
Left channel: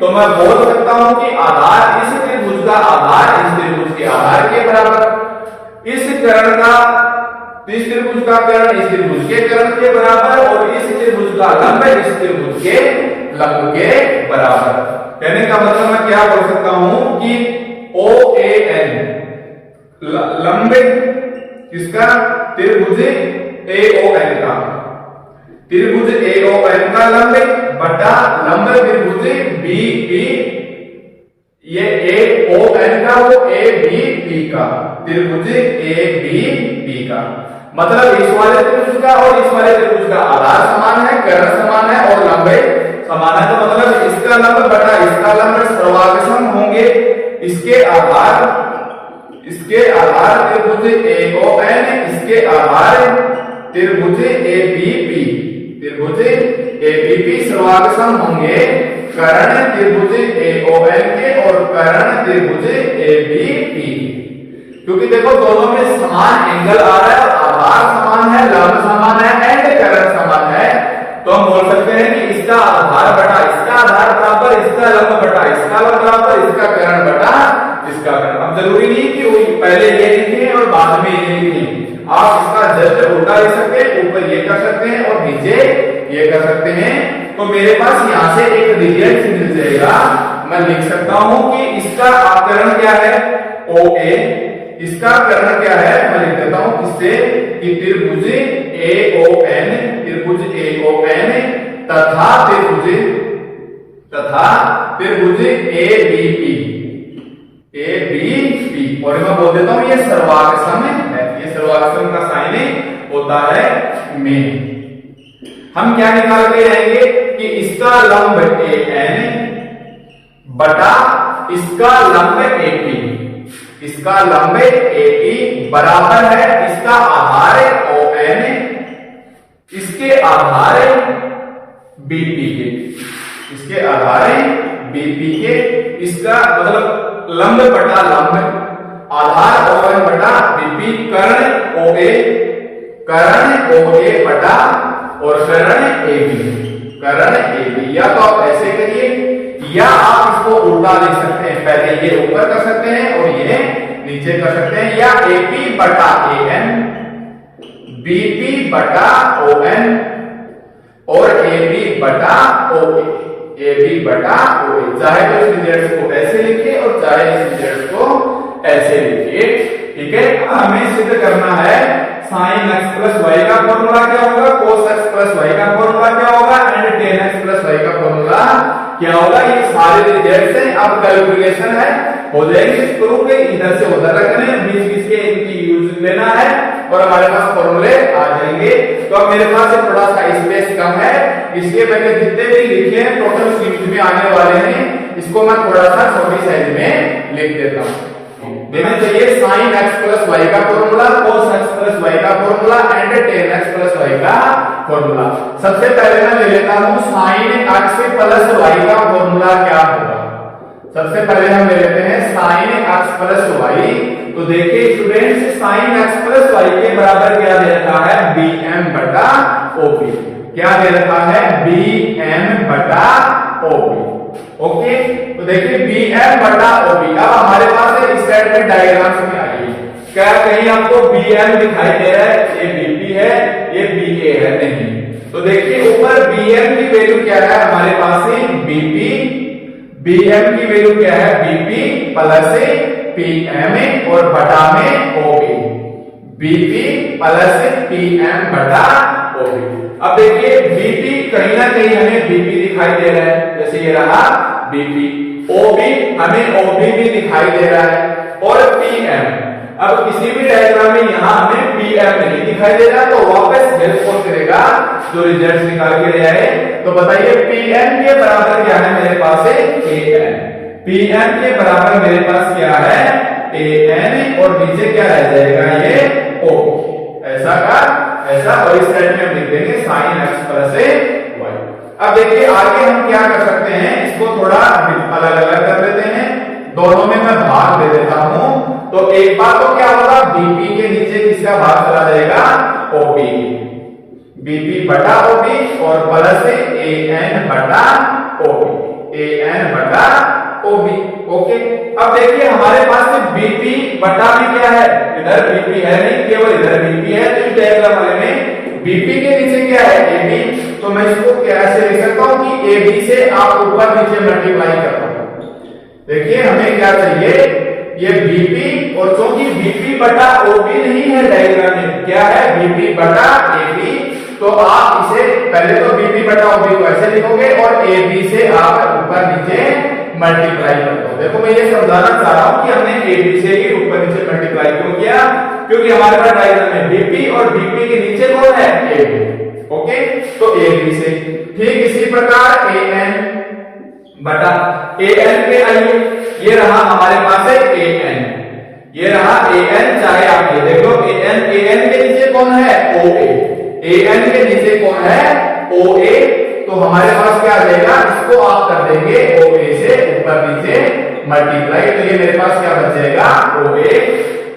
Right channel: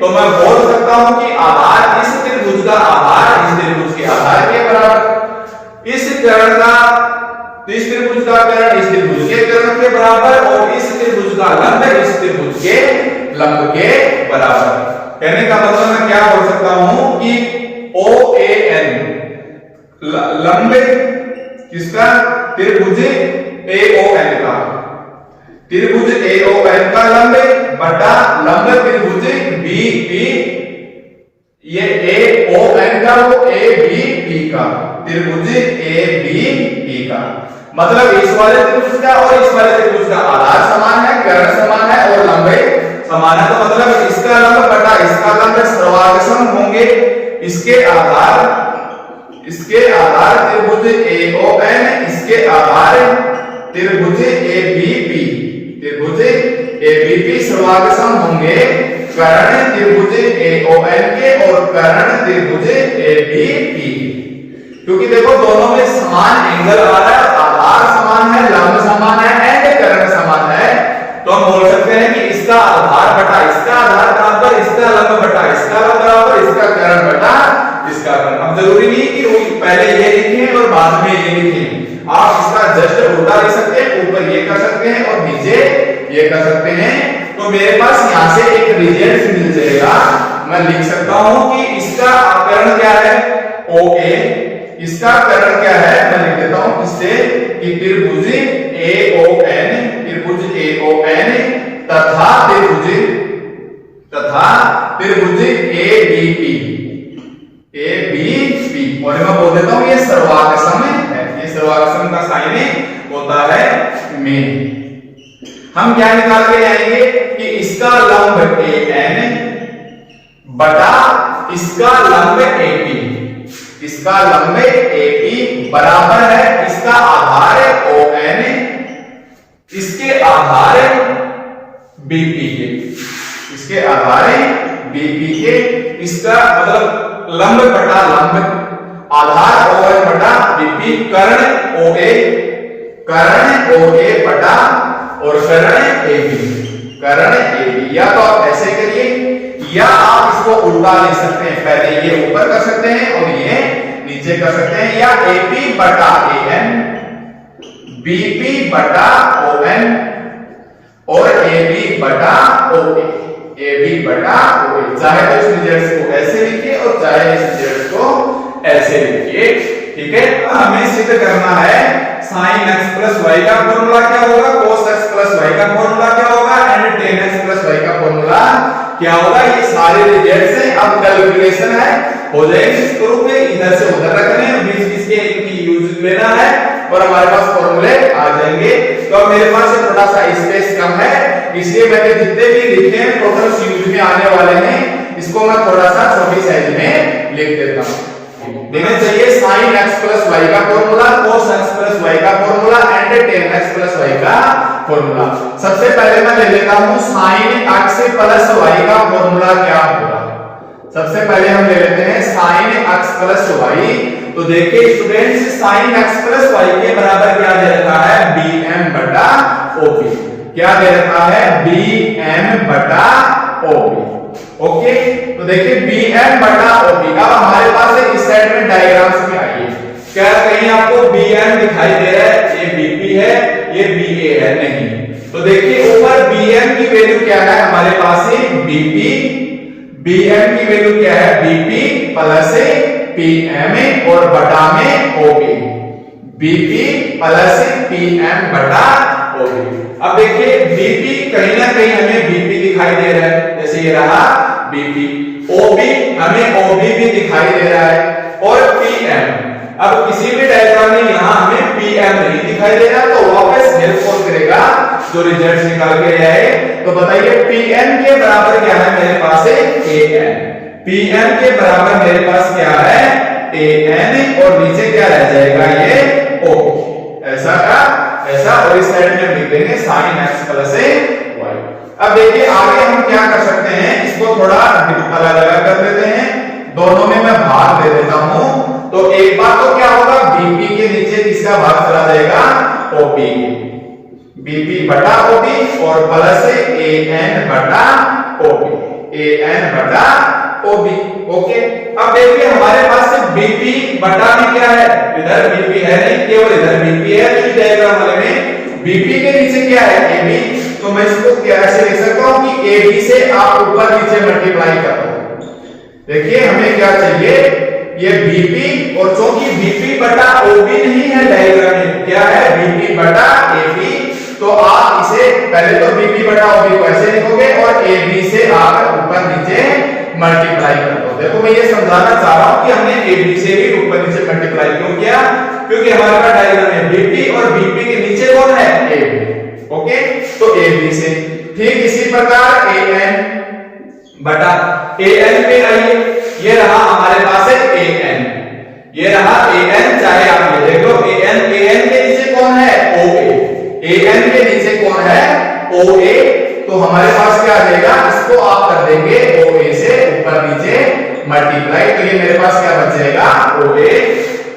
तो मैं बोल सकता हूं कि आधार इस त्रिभुज का आधार इस त्रिभुज के आधार के बराबर, इस कर्ण का इस त्रिभुज का कर्ण इस त्रिभुज के कर्ण के बराबर और इस त्रिभुज का लंब इस त्रिभुज के लंब के बराबर। कहने का मतलब मैं क्या बोल सकता हूं कि OAN लंब किसका त्रिभुज AON का, त्रिभुज AON का लंब बटा लंब त्रिभुज BP, ये AON का वो ABP का, त्रिभुज ABP का। मतलब इस वाले त्रिभुज का और इस वाले त्रिभुज का आधार समान है, कर्ण समान है और लंब समान है, तो मतलब इसका लंब बटा इसका लंब सर्वागसम होंगे। इसके आधार त्रिभुज AON, इसके आधार त्रिभुज ABP सर्वागसम होंगे कर्ण त्रिभुज AON के और कर्ण त्रिभुज ABP, क्योंकि देखो दोनों में समान एंगल आ रहा है, आधार समान है, लंब समान है एंड कर्ण समान है, तो हम बोल सकते हैं कि इसका आधार बटा इसका आधार बराबर इसका लंब बटा इसका लंब बराबर इसका कर्ण बटा इसका कर्ण। अब जरूरी नहीं कि पहले ये लिखें और बाद में ये लिखें, आप इसका जस्ट उल्टा लिख सकते हैं, ऊपर ये कर सकते हैं और नीचे ये कर सकते हैं। तो मेरे पास यहाँ से एक रिजल्ट मिल जाएगा, मैं लिख सकता हूं कि इसका कर्ण क्या है OA, इसका कर्ण क्या है मैं लिख देता हूं इससे कि त्रिभुज AON तथा त्रिभुज ABP, और मैं बोल देता हूं ये सर्वागसम है, ये सर्वागसम का साइन होता है में। हम क्या निकाल के आएंगे कि इसका लंब AN बटा इसका लंब AP, इसका लंब AP बराबर है इसका आधार ON इसके आधार BP के, इसके आधार BP के, इसका मतलब लंब बटा लंब आधार ON बटा BP, कर्ण OA बटा और कर्ण AB। या तो आप ऐसे करिए या आप इसको उल्टा लिख सकते हैं, पहले ये ऊपर कर सकते हैं और ये नीचे कर सकते हैं, या AP बटा AN, BP बटा ON और AB बटा OA, चाहे तो इस रिजल्ट को ऐसे लिखिए और चाहे इस रिजल्ट को ऐसे लिखिए, ठीक है। हमें सिद्ध करना है sin x प्लस y का फॉर्मूला क्या होगा, cos x प्लस y का फॉर्मूला क्या होगा and tan x plus y का फॉर्मूला क्या होगा। ये सारे रिजल्ट्स हैं, अब कैलकुलेशन है हो जाएगी इस ग्रुप में, इधर से उधर रखने हैं, बीच इसके इनकी यूज लेना है और हमारे पास फॉर्मूले आ जाएंगे। तो मेरे पास थोड़ा सा स्पेस कम है, इसलिए मैंने जितने भी लिखे हैं टोटल यूज में आने वाले हैं, इसको मैं थोड़ा सा छोटी साइज में लिख देता हूं। देना चाहिए sin x प्लस y का formula, cos x plus y का formula and tan x plus y का फॉर्मूला। सबसे पहले मैं ले लेता हूं sin x प्लस y का फॉर्मूला क्या होगा। सबसे पहले हम ले लेते हैं sin x प्लस y। तो देखिए students sin x plus y के बराबर क्या दे रखा है bm बटा OP, क्या दे रखा है bm बटा OP। ओके तो देखिए bm बटा OP। अब हमारे पास इस साइड में डायग्राम्स में आइए, क्या कहीं आपको BM दिखाई दे रहा है? ये BP है, ये BA है? नहीं। तो देखिए ऊपर BM की वैल्यू क्या है हमारे पास है BP, BM की वैल्यू क्या है BP प्लस PM और बटा में OB, BP प्लस PM बटा OB। अब देखिए BP कहीं ना कहीं हमें BP दिखाई दे रहा है, जैसे ये रहा BP, OB हमें OB भी दिखाई दे रहा है और PM, अब किसी भी डायग्राम में यहां हमें PM नहीं दिखाई दे रहा तो वापस हेल्प कौन करेगा? जो रिजल्ट निकाल के आए। तो बताइए PM के बराबर क्या है मेरे पास है AN, PM के बराबर मेरे पास क्या है AN और नीचे क्या रह जाएगा ये OB, ऐसा का ऐसा, और इस साइड में लिख देंगे sin x प्लस y। अब देखिए आगे हम क्या कर सकते हैं, इसको थोड़ा अलग अलग कर देते हैं, दोनों में मैं भाग दे देता हूं। तो एक बार तो क्या होगा BP के नीचे किसका भाग चला जाएगा OB, BP बटा OB और प्लस AN बटा OB, AN बटा OB। ओके, अब देखिए हमारे पास से BP बटा भी क्या है, इधर BP है नहीं, केवल इधर BP है। तो इस डायग्राम वाले में BP के नीचे क्या है AB, तो मैं इसको कैसे लिख सकता हूं कि AB से आप ऊपर नीचे मल्टीप्लाई करते हो। देखिए हमें क्या चाहिए, ये BP और चूंकि BP बटा OB नहीं है डायग्राम में, क्या है BP बटा AB, तो आप इसे पहले तो BP बटा OB को ऐसे लिखोगे और AB से आप ऊपर नीचे मल्टीप्लाई कर दो। देखो मैं ये समझाना चाह रहा हूं कि हमने AB से भी ऊपर नीचे मल्टीप्लाई क्यों किया, क्योंकि हमारे पास डायग्राम में BP और BP के नीचे कौन है AB। ओके, तो AB से ठीक इसी प्रकार AN बटा AN पे आइए, ये रहा हमारे पास है AN, ये रहा AN, चाहे आप ये देख लो AN, AN के नीचे कौन है OA, AN के नीचे कौन है OA, तो हमारे पास क्या आ जाएगा, इसको आप कर देंगे OA से ऊपर नीचे मल्टीप्लाई, तो ये मेरे पास क्या बच जाएगा OA,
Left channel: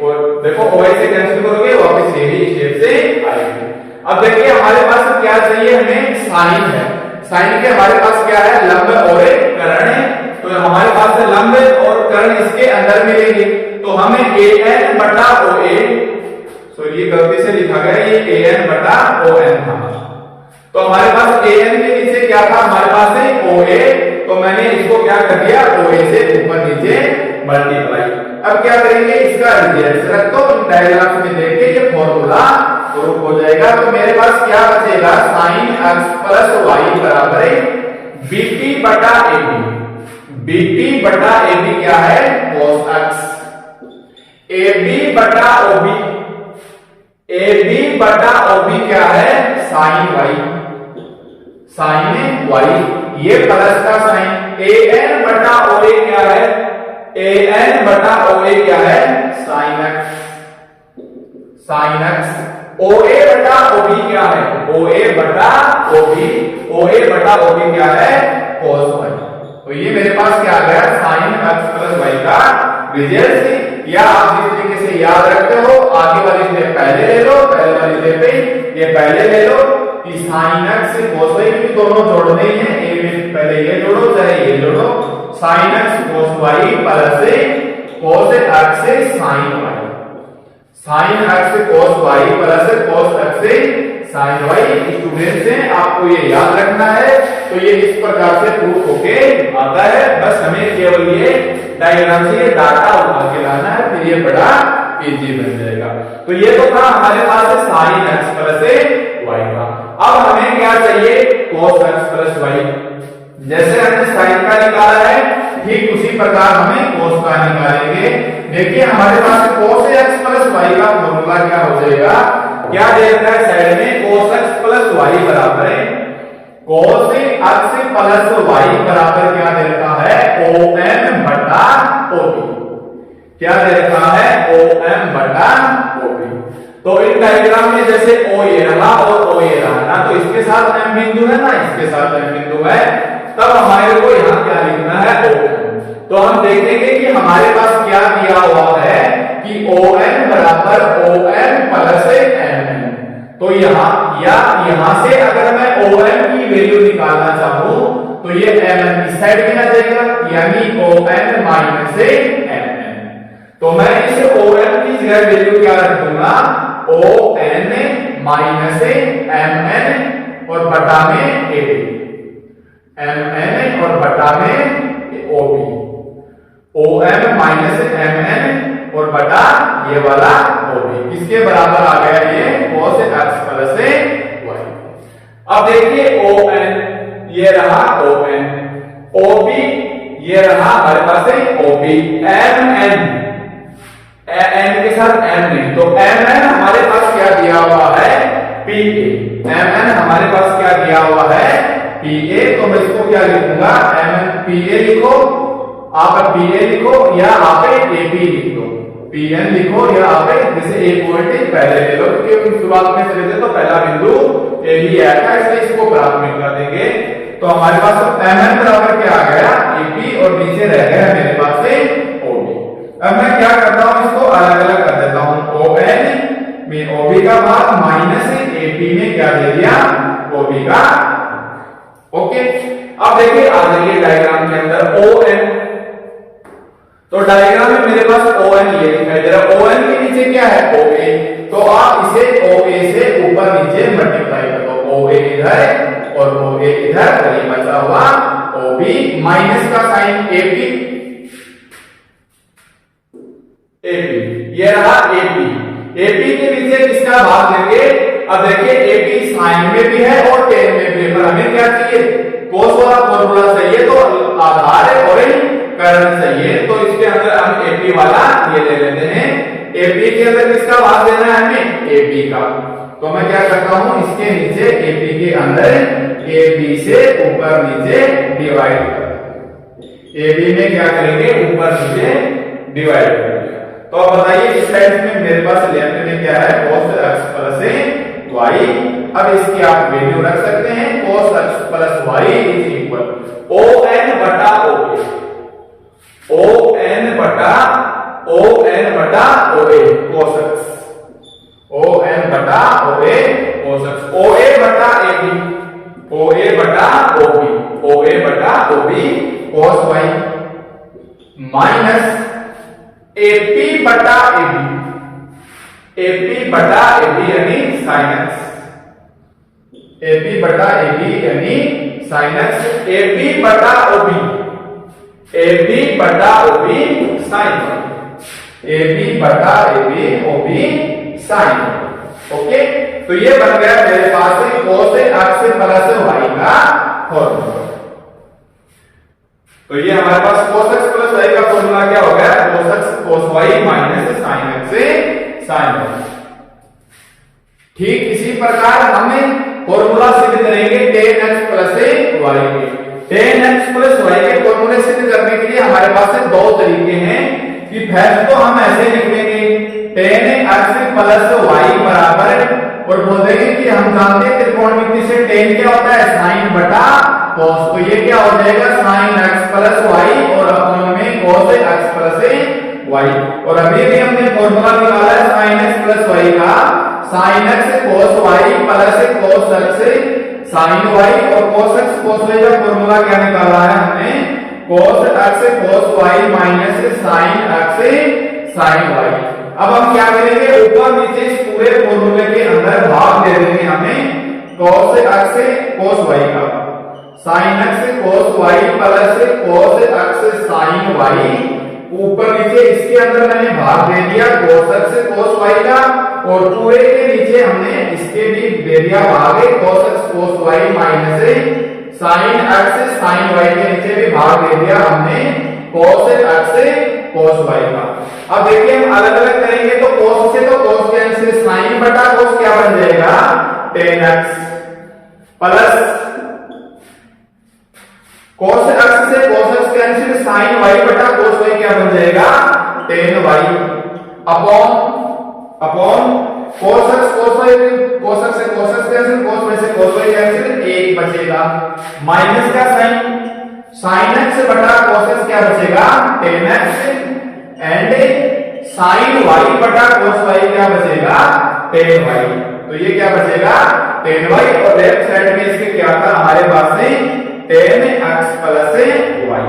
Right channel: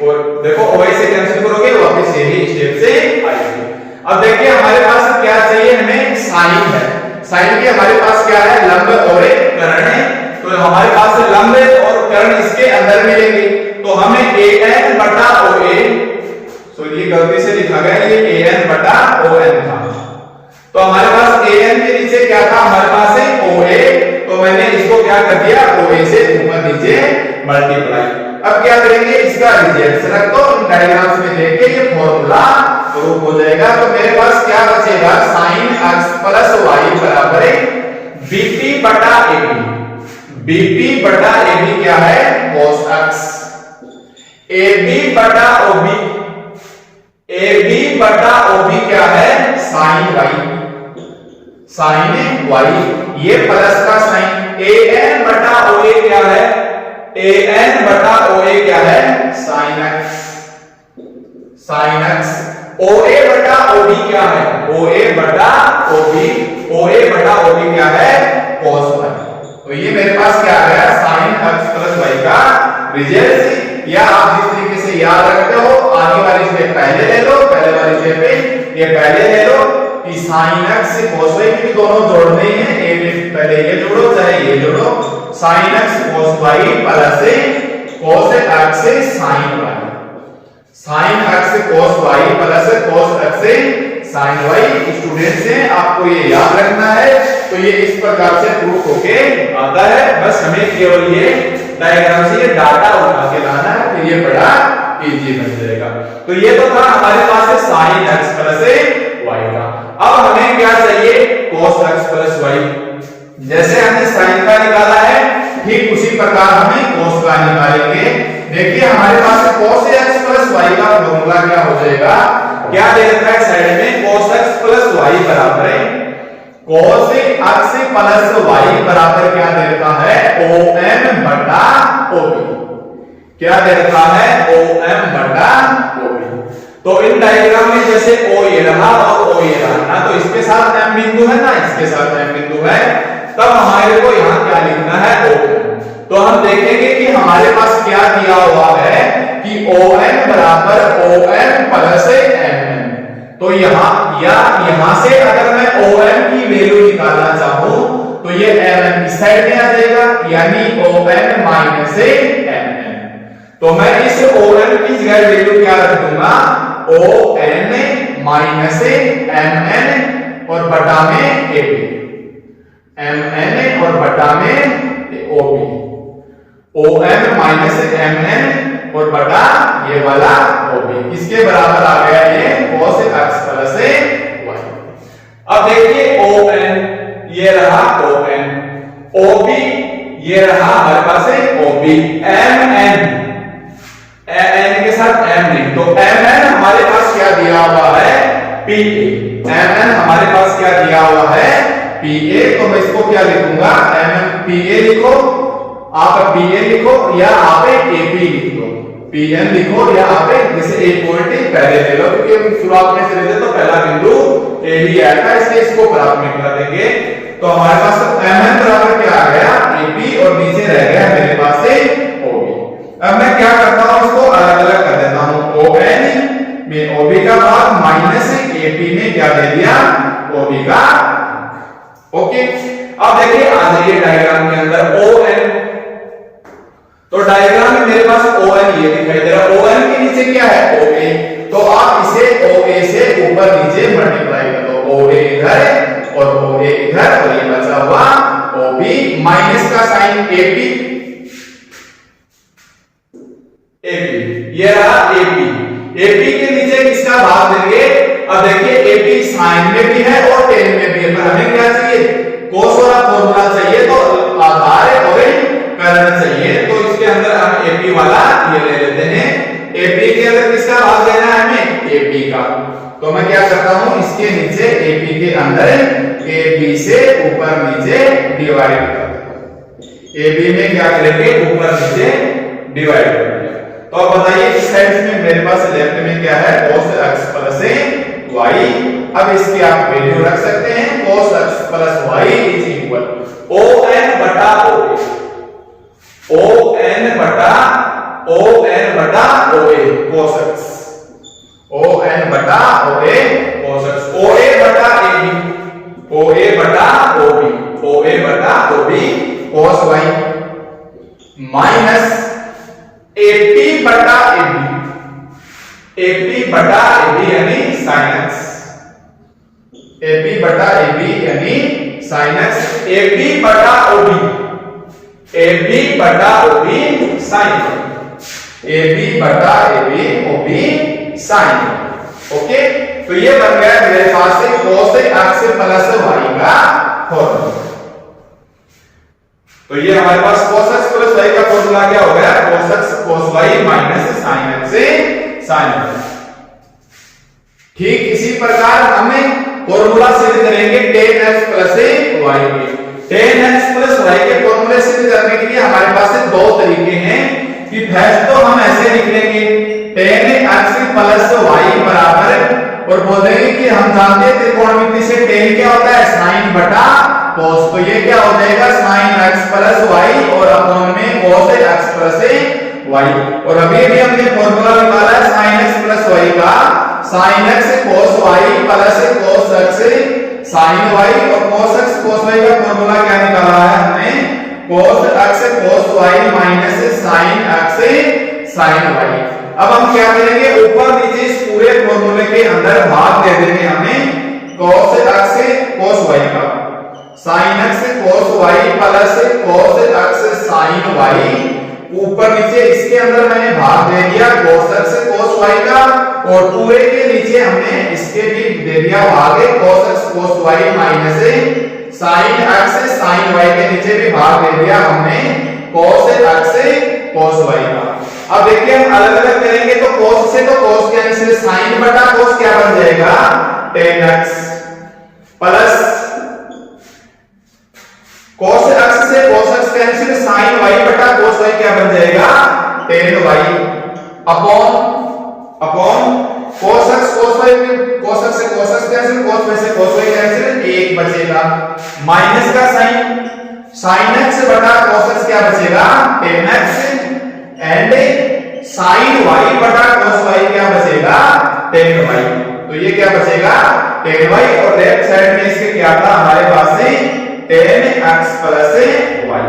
और देखो OA से कैंसिल करोगे वापस यही स्टेप से आएंगे। अब देखिए हमारे पास क्या चाहिए, हमें साइन है, साइन के हमारे पास क्या है लंब और कर्ण है, तो हमारे पास से लंब और कर्ण इसके अंदर मिलेंगे, तो हमें AN बटा OA, ये गलती से लिखा गया ये AN बटा ON था, तो हमारे पास AN के नीचे क्या था हमारे पास है OA, तो मैंने इसको क्या कर दिया OA से ऊपर नीचे मल्टीप्लाई। अब क्या करेंगे, इसका रिजल्ट रख दो, इन डायग्राम्स में देख के ये फॉर्मूला प्रूफ हो जाएगा। तो मेरे पास क्या बचेगा, sin x प्लस y बराबर है BP बटा AB, BP बटा AB क्या है cos x, AB बटा OB, AB बटा OB क्या है sin y, sin y, ये प्लस का साइन, AN बटा OA क्या है, AN बटा OA क्या है sin x, sin x, OA बटा OB क्या है, OA बटा OB, OA बटा OB क्या है cos y। तो ये मेरे पास क्या आ गया sin x प्लस y का रिजल्ट, या आप जिस तरीके से याद रखते हो आगे वाली स्टेप पहले ले लो, पहले वाली स्टेप पे ये पहले ले लो कि sin x से cos y, क्योंकि दोनों जोड़ने ही हैं, एक में पहले ये जोड़ो चाहे ये जोड़ो, sin x cos y plus cos x से sin y, sin x cos y plus cos x से sin y। स्टूडेंट्स हैं आपको ये याद रखना है, तो ये इस प्रकार से प्रूफ होके आता है, बस हमें केवल ये डायग्राम से ये डाटा उठा के लाना है, फिर ये बड़ा इजी बन जाएगा। तो ये तो था हमारे पास sin x प्लस y का। अब हमें क्या चाहिए cos x प्लस y, जैसे हमने sin का निकाला है ठीक उसी प्रकार हमें cos का निकालेंगे। देखिए हमारे पास cos x प्लस y का फॉर्मूला क्या हो जाएगा, क्या दे रखा है साइड में cos x प्लस y बराबर है cos x प्लस y बराबर क्या दे रखा है OM बटा OB, क्या दे रखा है OM बटा OB। तो इन डायग्राम में जैसे O ये रहा और O ये रहा ना, तो इसके साथ M बिंदु है ना, इसके साथ M बिंदु है, तब हमारे को यहाँ क्या लिखना है OM। तो हम देखेंगे कि हमारे पास क्या दिया हुआ है कि OM बराबर OM प्लस MN, तो यहां से अगर मैं OM की वैल्यू निकालना चाहूं तो ये MN इस साइड में आ जाएगा, यानी OM माइनस MN। तो मैं इस OM की इधर वैल्यू क्या रख दूंगा, O N minus M N और बटा में ए बी, एम एन और बटा में O B, O M minus M N और बटा ये वाला ओ बी, किसके बराबर आ गया ये cos x प्लस y। अब देखिए ओ एन ये रहा ओ एन, ओ बी ये रहा हमारे पास है O B, M N N के साथ एम नहीं, तो एम एन हमारे पास क्या दिया हुआ है पी ए, एम एन हमारे पास क्या दिया हुआ है पी ए, तो मैं इसको क्या लिखूंगा एम एन पी ए लिखो, आप पी ए लिखो या आप ए पी लिख दो, पी एन लिखो या आप जैसे एक पॉइंट पहले ले लो क्योंकि शुरुआत में चले थे तो पहला बिंदु ए ही आया था, इसलिए इसको प्राथमिकता देंगे। तो हमारे पास एम एन बराबर क्या आ गया ए पी और नीचे रह गया मेरे पास से ओ बी। अब मैं क्या करता हूं इसको अलग अलग कर देता हूं, ओ एन में ओ बी का भाग माइनस ए पी में क्या दे दिया ओ बी का, ओके। अब देखिए आ जाइए डायग्राम के अंदर ओ एन, तो डायग्राम में मेरे पास ओ एन ये दिखाई दे रहा है, ओ एन के नीचे क्या है ओ ए, तो आप इसे ओ ए से ऊपर नीचे मल्टीप्लाई कर दो, ओ ए इधर और ओ ए इधर, और ये बचा हुआ ओ बी माइनस का sign A P, A P ये रहा ए पी, ए पी के नीचे किसका भाग देंगे, अब देखिए ए पी साइन में भी है और टेन में भी है, पर हमें क्या चाहिए कोस वाला फॉर्मूला चाहिए, तो आधार और कर्ण चाहिए, तो इसके अंदर हम एपी वाला ये ले लेते हैं, एपी के अंदर किसका भाग देना है हमें एपी का, तो मैं क्या करता हूं इसके नीचे एपी के अंदर एबी से ऊपर नीचे डिवाइड कर दो, एबी में क्या करेंगे ऊपर नीचे डिवाइड कर दिया। तो अब बताइए इस साइड में मेरे पास लेफ्ट में क्या है cos x प्लस y, अब इसकी आप वैल्यू रख सकते हैं cos x plus y is equal O N बटा ओ ए, ओ एन बटा O A cos x, O N बटा O A cos x, O A बटा ए बी, ओ ए बटा ओ बी, ओ ए बटा O B cos y minus AP बटा AB, AP बटा AB यानी sin x, AP बटा AB यानी sin x, AP बटा ओबी, एबी बटा ओबी sin, एबी बटा एबी ओबी sin, ओके। तो ये बन गया मेरे पास से cos x प्लस y का फॉर्मूला। तो ये हमारे पास cos x प्लस y का फॉर्मूला क्या हो गया cos x cos y minus sin x से sin y। ठीक इसी प्रकार हमें फॉर्मूला सिद्ध करेंगे tan x प्लस y के, tan x प्लस y के फॉर्मूले सिद्ध करने के लिए हमारे पास से दो तरीके हैं कि फर्स्ट तो हम ऐसे लिख लेंगे tan x प्लस y बराबर, और बोलेंगे कि हम जानते हैं त्रिकोणमिति से tan क्या होता है sin बटा cos, तो ये क्या हो जाएगा sin x प्लस y और अपॉन में cos x प्लस y, और अभी भी हमने फॉर्मूला निकाला है sin x प्लस y का, sin x cos y plus cos x sin y, और cos x cos y का फॉर्मूला क्या निकाला है हमने cos x cos y minus sin x sin y। अब हम क्या करेंगे ऊपर नीचे इस पूरे फॉर्मूले के अंदर भाग दे देंगे हमें cos x cos y का, sin x cos y plus cos x sin y, ऊपर नीचे इसके अंदर मैंने भाग दे दिया cos x cos y का, और पूरे के नीचे हमने इसके भी दे दिया भाग cos x cos y minus sin x sin y, के नीचे भी भाग दे दिया हमने cos x cos y का। अब देखिए हम अलग अलग करेंगे तो cos से तो cos कैंसिल, sin बटा cos क्या बन जाएगा tan x, plus cos x से cos x cancel, sin y बटा cos y क्या बन जाएगा tan y, upon cos x cos y, cos x से cos x cancel, cos y से cos y कैंसिल, एक बचेगा, माइनस का sin x बटा cos x क्या बचेगा tan x, and sin y बटा cos y क्या बचेगा tan y, तो ये क्या बचेगा tan y, और लेफ्ट साइड में इसके क्या था हमारे पास से tan x प्लस y।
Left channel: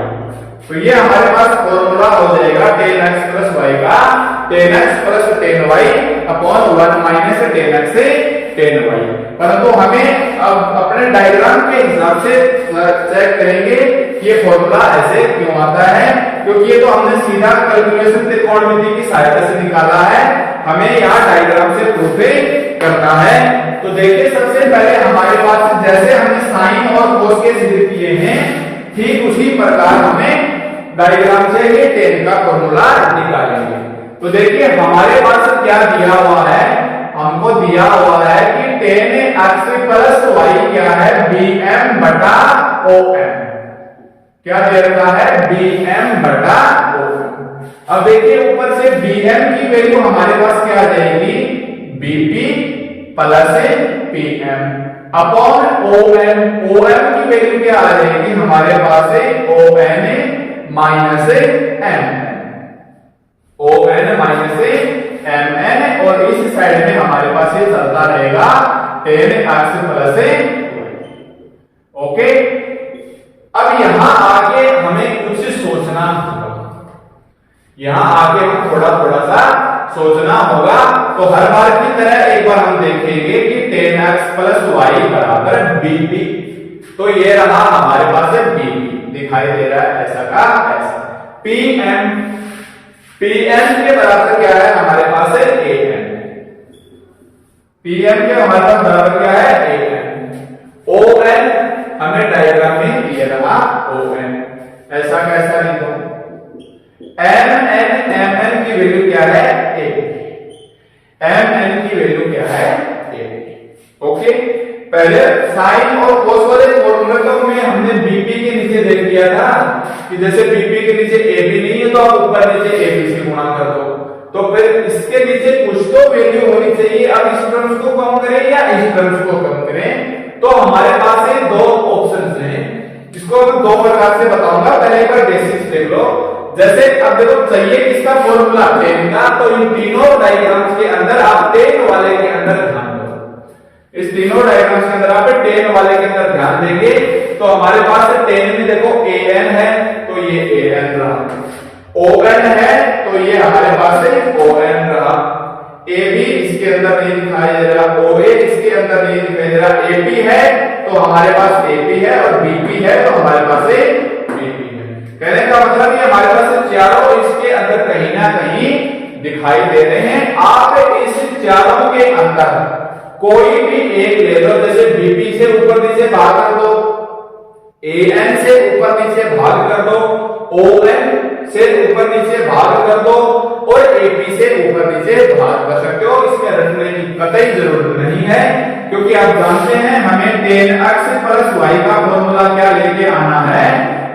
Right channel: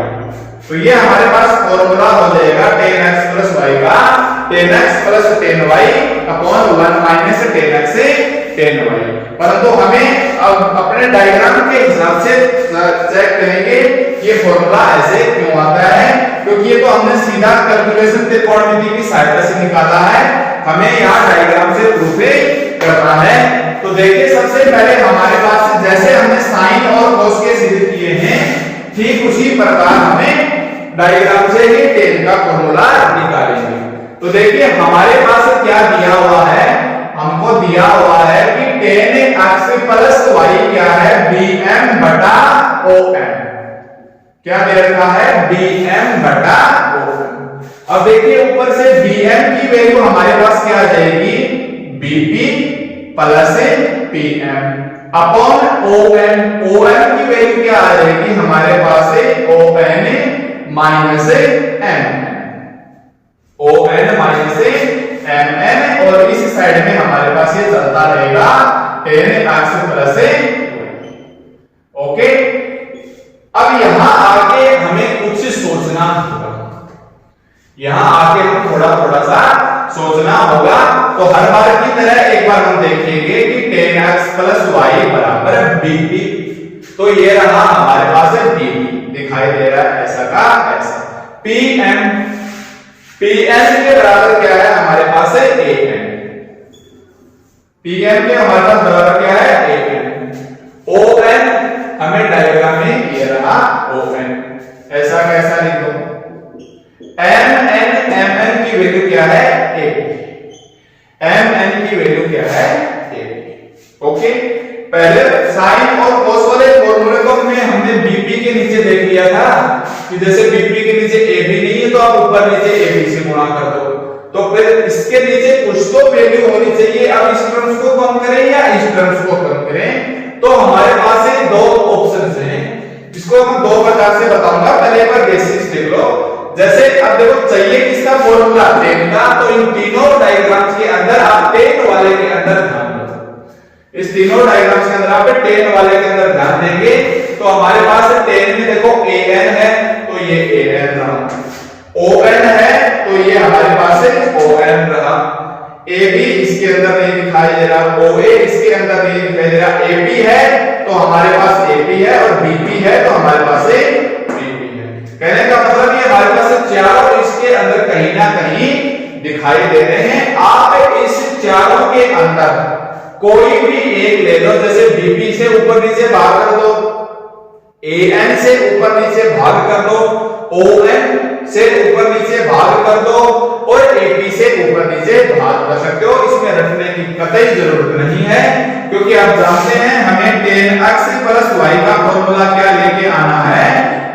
तो ये हमारे पास फॉर्मूला हो जाएगा tan x प्लस y का tan x plus tan y upon 1 minus tan x से tan y। परंतु हमें अब अपने डायग्राम के हिसाब से चेक करेंगे ये फॉर्मूला ऐसे क्यों आता है, क्योंकि ये तो हमने सीधा कैलकुलेशन त्रिकोणमिति की सहायता से निकाला है, हमें यहाँ डायग्राम से प्रूफ करना है। तो देखिए सबसे पहले हमारे पास जैसे हमने साइन और कोस के सिद्ध किए हैं ठीक उसी प्रकार हमें डायग्राम से ही tan का फॉर्मूला निकालेंगे। तो देखिए हमारे पास क्या दिया हुआ है, हमको दिया हुआ है कि tan x प्लस y क्या है bm बटा om, क्या दे रखा है bm बटा om। अब देखिए ऊपर से bm की वैल्यू हमारे पास क्या आ जाएगी bp plus pm upon om, om की वैल्यू क्या आ जाएगी हमारे पास on minus mn, on minus mn, और इस साइड में हमारे पास ये चलता रहेगा tan x plus y। Okay, अब यहां आके हमें कुछ सोचना होगा, यहां आके हम थोड़ा थोड़ा सा सोचना होगा। तो हर बार की तरह एक बार हम देखेंगे कि tan x प्लस y बराबर bp, तो ये रहा हमारे पास है bp दिखाई दे रहा है ऐसा का ऐसा, pm के बराबर क्या है हमारे पास है am, pm के हमारे पास बराबर क्या है am, on हमें डायग्राम में ये रहा on, ऐसा कैसा लिखो mn की वैल्यू क्या है ab, mn की वैल्यू क्या है ab। ओके, पहले साइन और कोस वाले फॉर्मूले को हमने बीपी के नीचे देख लिया था कि जैसे बीपी के नीचे AB नहीं है तो आप ऊपर नीचे AB से गुणा कर दो, तो फिर इसके नीचे कुछ तो वैल्यू होनी चाहिए। अब इस टर्म्स को कम करें या इस टर्म्स को कम करें, तो हमारे पास है दो ऑप्शंस हैं, इसको मैं दो प्रकार से बताऊंगा। पहले एक बार बेसिक्स देख लो, जैसे अब देखो चाहिए किसका फॉर्मूला tan का, तो इन तीनों डायग्राम्स के अंदर आप tan वाले के अंदर ध्यान दो, इस तीनों डायग्राम्स के अंदर आप tan वाले के अंदर ध्यान देंगे तो हमारे पास tan में देखो an है तो ये an रहा, on है तो ये हमारे पास है on रहा, ab इसके अंदर नहीं दिखाई दे रहा, oa इसके अंदर नहीं दिखाई दे रहा, ap है तो हमारे पास ap है और bp है तो हमारे पास है bp है। कहने का मतलब ये हमारे पास चारों इसके अंदर कहीं ना कहीं दिखाई दे रहे हैं। आप इस चारों के अंदर कोई भी एक ले लो, जैसे bp से ऊपर नीचे भाग कर दो, an से ऊपर नीचे भाग कर दो, on से ऊपर नीचे भाग कर दो और ap से ऊपर नीचे भाग कर सकते हो। इसमें रखने की कतई जरूरत नहीं है, क्योंकि आप जानते हैं हमें tan x प्लस y का फॉर्मूला क्या लेके आना है,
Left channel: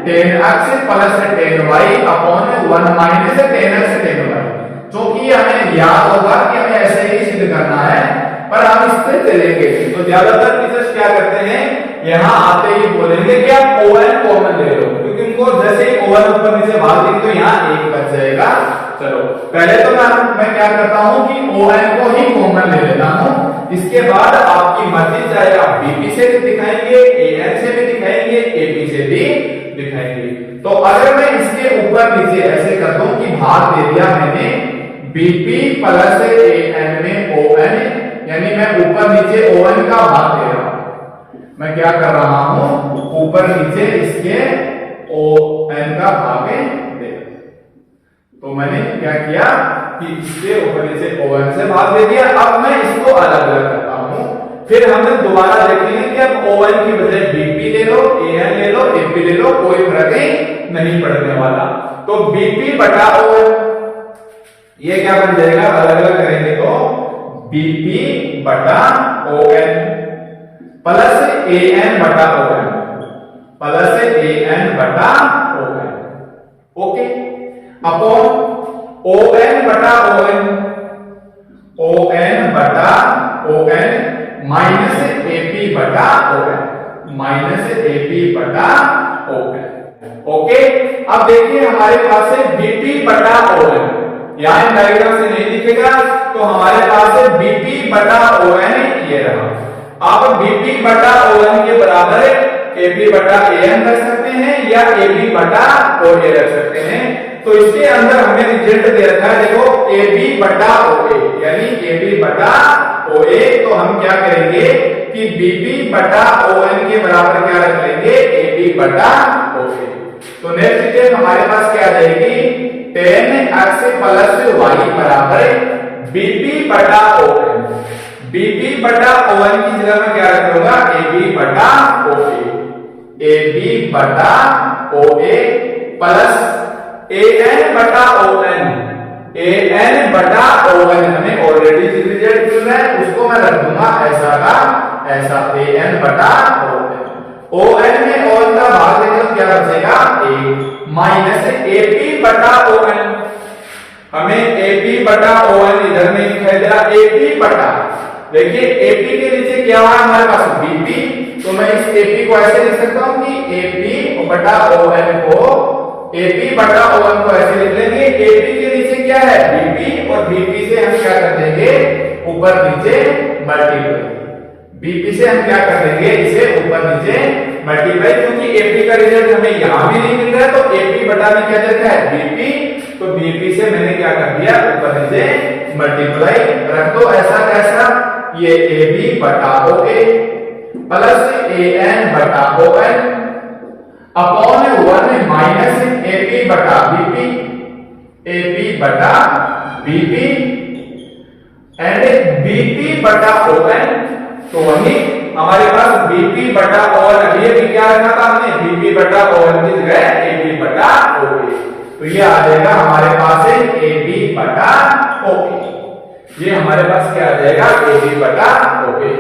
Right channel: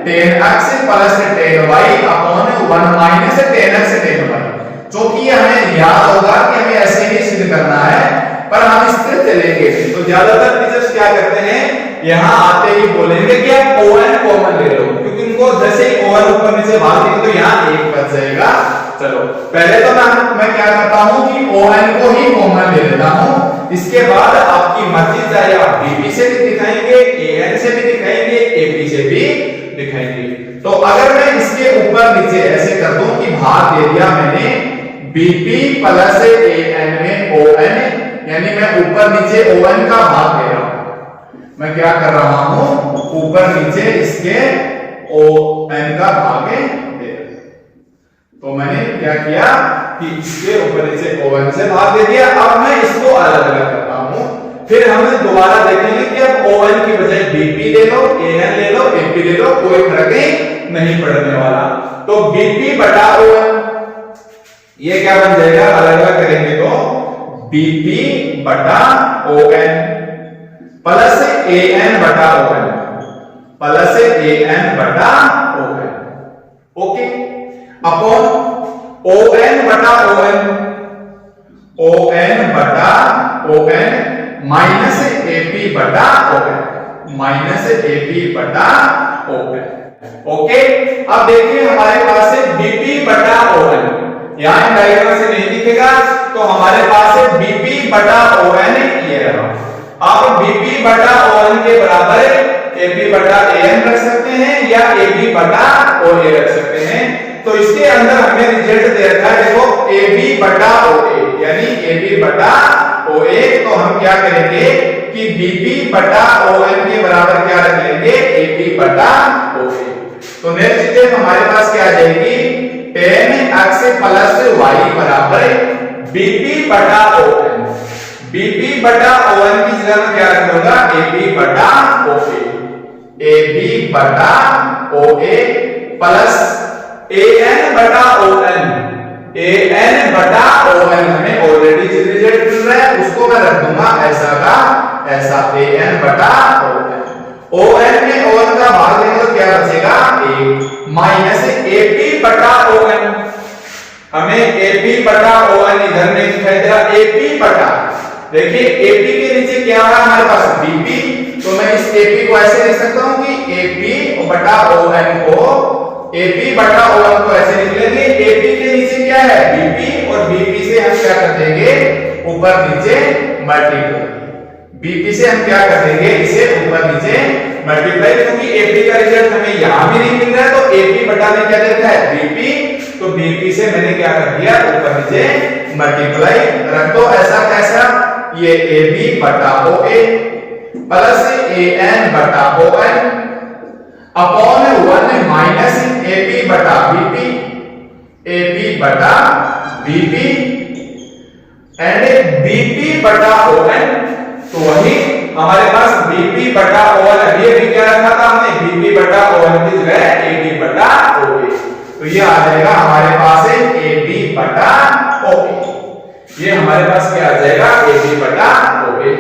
tan x plus tan y upon 1 minus tan x tan y। क्योंकि हमें याद होगा कि हमें ऐसे ही सिद्ध करना है, पर हम इस तरह चलेंगे तो ज्यादातर टीचर्स क्या करते हैं यहां आते ही बोलेंगे कि आप on कॉमन ले लो, क्योंकि उनको जैसे ही on ऊपर नीचे भाग देंगे तो यहां एक बच जाएगा। चलो पहले तो मैं क्या करता हूं कि on को ही कॉमन ले लेता हूं, इसके बाद आपकी मर्जी चाहे आप bp से भी दिखाएंगे, an से भी दिखाएंगे, ap से भी दिखाएंगे। तो अगर मैं इसके ऊपर नीचे ऐसे कर दूं कि भाग दे दिया मैंने bp प्लस an में on, यानी मैं ऊपर नीचे on का भाग दे रहा हूं, मैं क्या कर रहा हूं ऊपर नीचे इसके on का भाग दे रहा हूं। तो मैंने क्या किया कि इसके ऊपर नीचे on से भाग दे दिया। अब मैं इसको अलग अलग करता हूं, फिर हम दोबारा देखेंगे कि अब on की बजाय bp ले लो, an ले लो, ap ले लो, कोई फर्क नहीं पड़ने वाला। तो bp बटा on ये क्या बन जाएगा, अलग अलग करेंगे तो bp बटा on प्लस an बटा on प्लस an बटा on, ओके, अपॉन on बटा on माइनस ap बटा on माइनस ap बटा on। ओके, अब देखिए हमारे पास है bp बटा on, यहां डायग्राम से नहीं दिखेगा तो हमारे पास है bp बटा on, ये रहा। आप bp बटा on के बराबर ए बी बटा ए एन रख सकते हैं या ए बी बटा ओ ए रख सकते हैं। तो इसके अंदर हमें रिजल्ट दे रखा है, देखो ए बी बटा ओ ए, यानी ए बी बटा ओ ए। तो हम क्या करेंगे कि बी बी बटा ओ एन के बराबर क्या रख लेंगे, ए बी बटा ओ ए। तो नेक्स्ट स्टेप हमारे पास क्या आ जाएगी, tan x प्लस y बराबर बीपी बटा ओ एन। बीपी बटा ओ एन की जगह में क्या रखूंगा, ए बी बटा ओ ए, ए बी बटा O A plus A N बटा ओ एन, ए एन बटा ओ एन। हमें ऑलरेडी जिस रिजल्ट मिल रहा है उसको मैं रख दूंगा ऐसा का ऐसा, ए एन बटा ओ एन। ओ एन में ओ एन का भाग देंगे तो क्या बचेगा, ए माइनस ए पी बटा ओ एन। हमें ए पी बटा ओ एन इधर नहीं दिखाई दे रहा, ए पी बटा, देखिए ए पी के नीचे क्या हुआ हमारे पास बीपी। तो मैं इस ए पी को ऐसे लिख सकता हूं कि ए पी बटा ओ एन को, ए पी बटा ओ एन को ऐसे लिख लेंगे। ए पी के नीचे क्या है, बीपी, और बीपी से हम क्या कर देंगे, ऊपर नीचे मल्टीप्लाई। बीपी से हम क्या कर देंगे, इसे ऊपर नीचे मल्टीप्लाई, क्योंकि एपी का रिजल्ट हमें यहां भी नहीं मिल रहा है। तो एपी बटा में क्या देखा है, बीपी। तो बीपी से मैंने क्या कर दिया, ऊपर नीचे मल्टीप्लाई रख दो ऐसा कैसा, ये ए बी बटा O A plus A N बटा O N upon 1 minus A P बटा बीपी, ए पी बटा बीपी एंड बीपी बटा ओ एन। तो वही हमारे पास बीपी बटा ओ एन, ये भी क्या रखा था हमने, बीपी बटा ओ एन की जगह ए बी बटा ओ ए। तो ये आ जाएगा हमारे पास ए बी बटा ओ ए, ये हमारे पास क्या आ जाएगा, ए बी बटा ओ ए।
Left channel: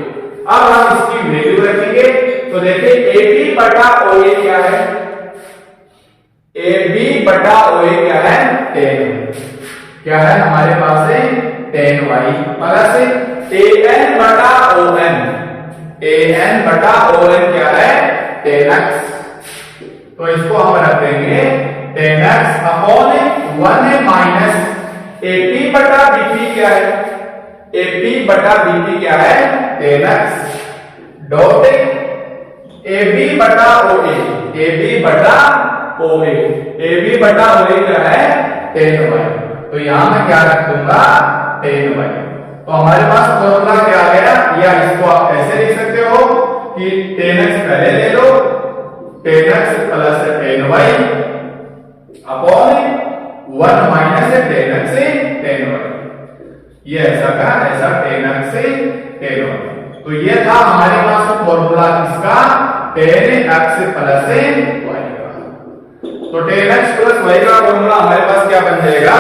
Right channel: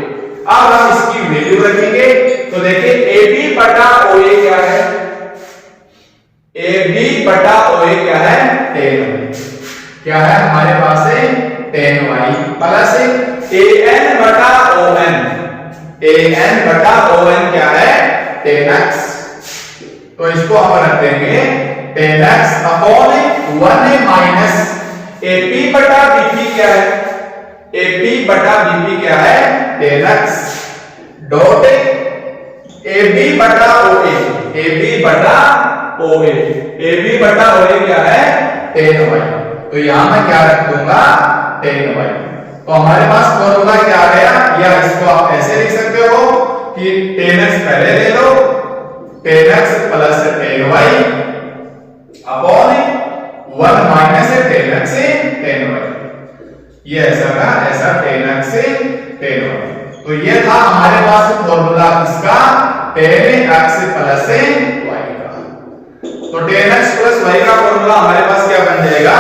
अब हम इसकी वैल्यू रखेंगे। तो देखिए ए बी बटा ओ ए क्या है, ए बी बटा ओ ए क्या है, 10 क्या है हमारे पास है 10y प्लस ए एन बटा ओ एन, ए एन बटा ओ एन क्या है 10x। तो इसको हम रख देंगे 10x upon 1 minus A P बटा बीपी क्या है, ए पी बटा बीपी क्या है 10x डॉट ए बी बटा ओ ए, ए बी बटा ओ ए, ए बी बटा ओ ए क्या है 10y। तो यहां मैं क्या रख दूंगा 10y। तो हमारे पास फॉर्मूला क्या आ गया, या इसको आप ऐसे लिख सकते हो कि 10x पहले ले लो, 10x plus 10y upon 1 minus 10x से 10y, ये ऐसा का ऐसा 10x से 10y। तो ये था हमारे पास फॉर्मूला इसका 10x प्लस y का। तो 10x प्लस y का फॉर्मूला हमारे पास क्या बन जाएगा,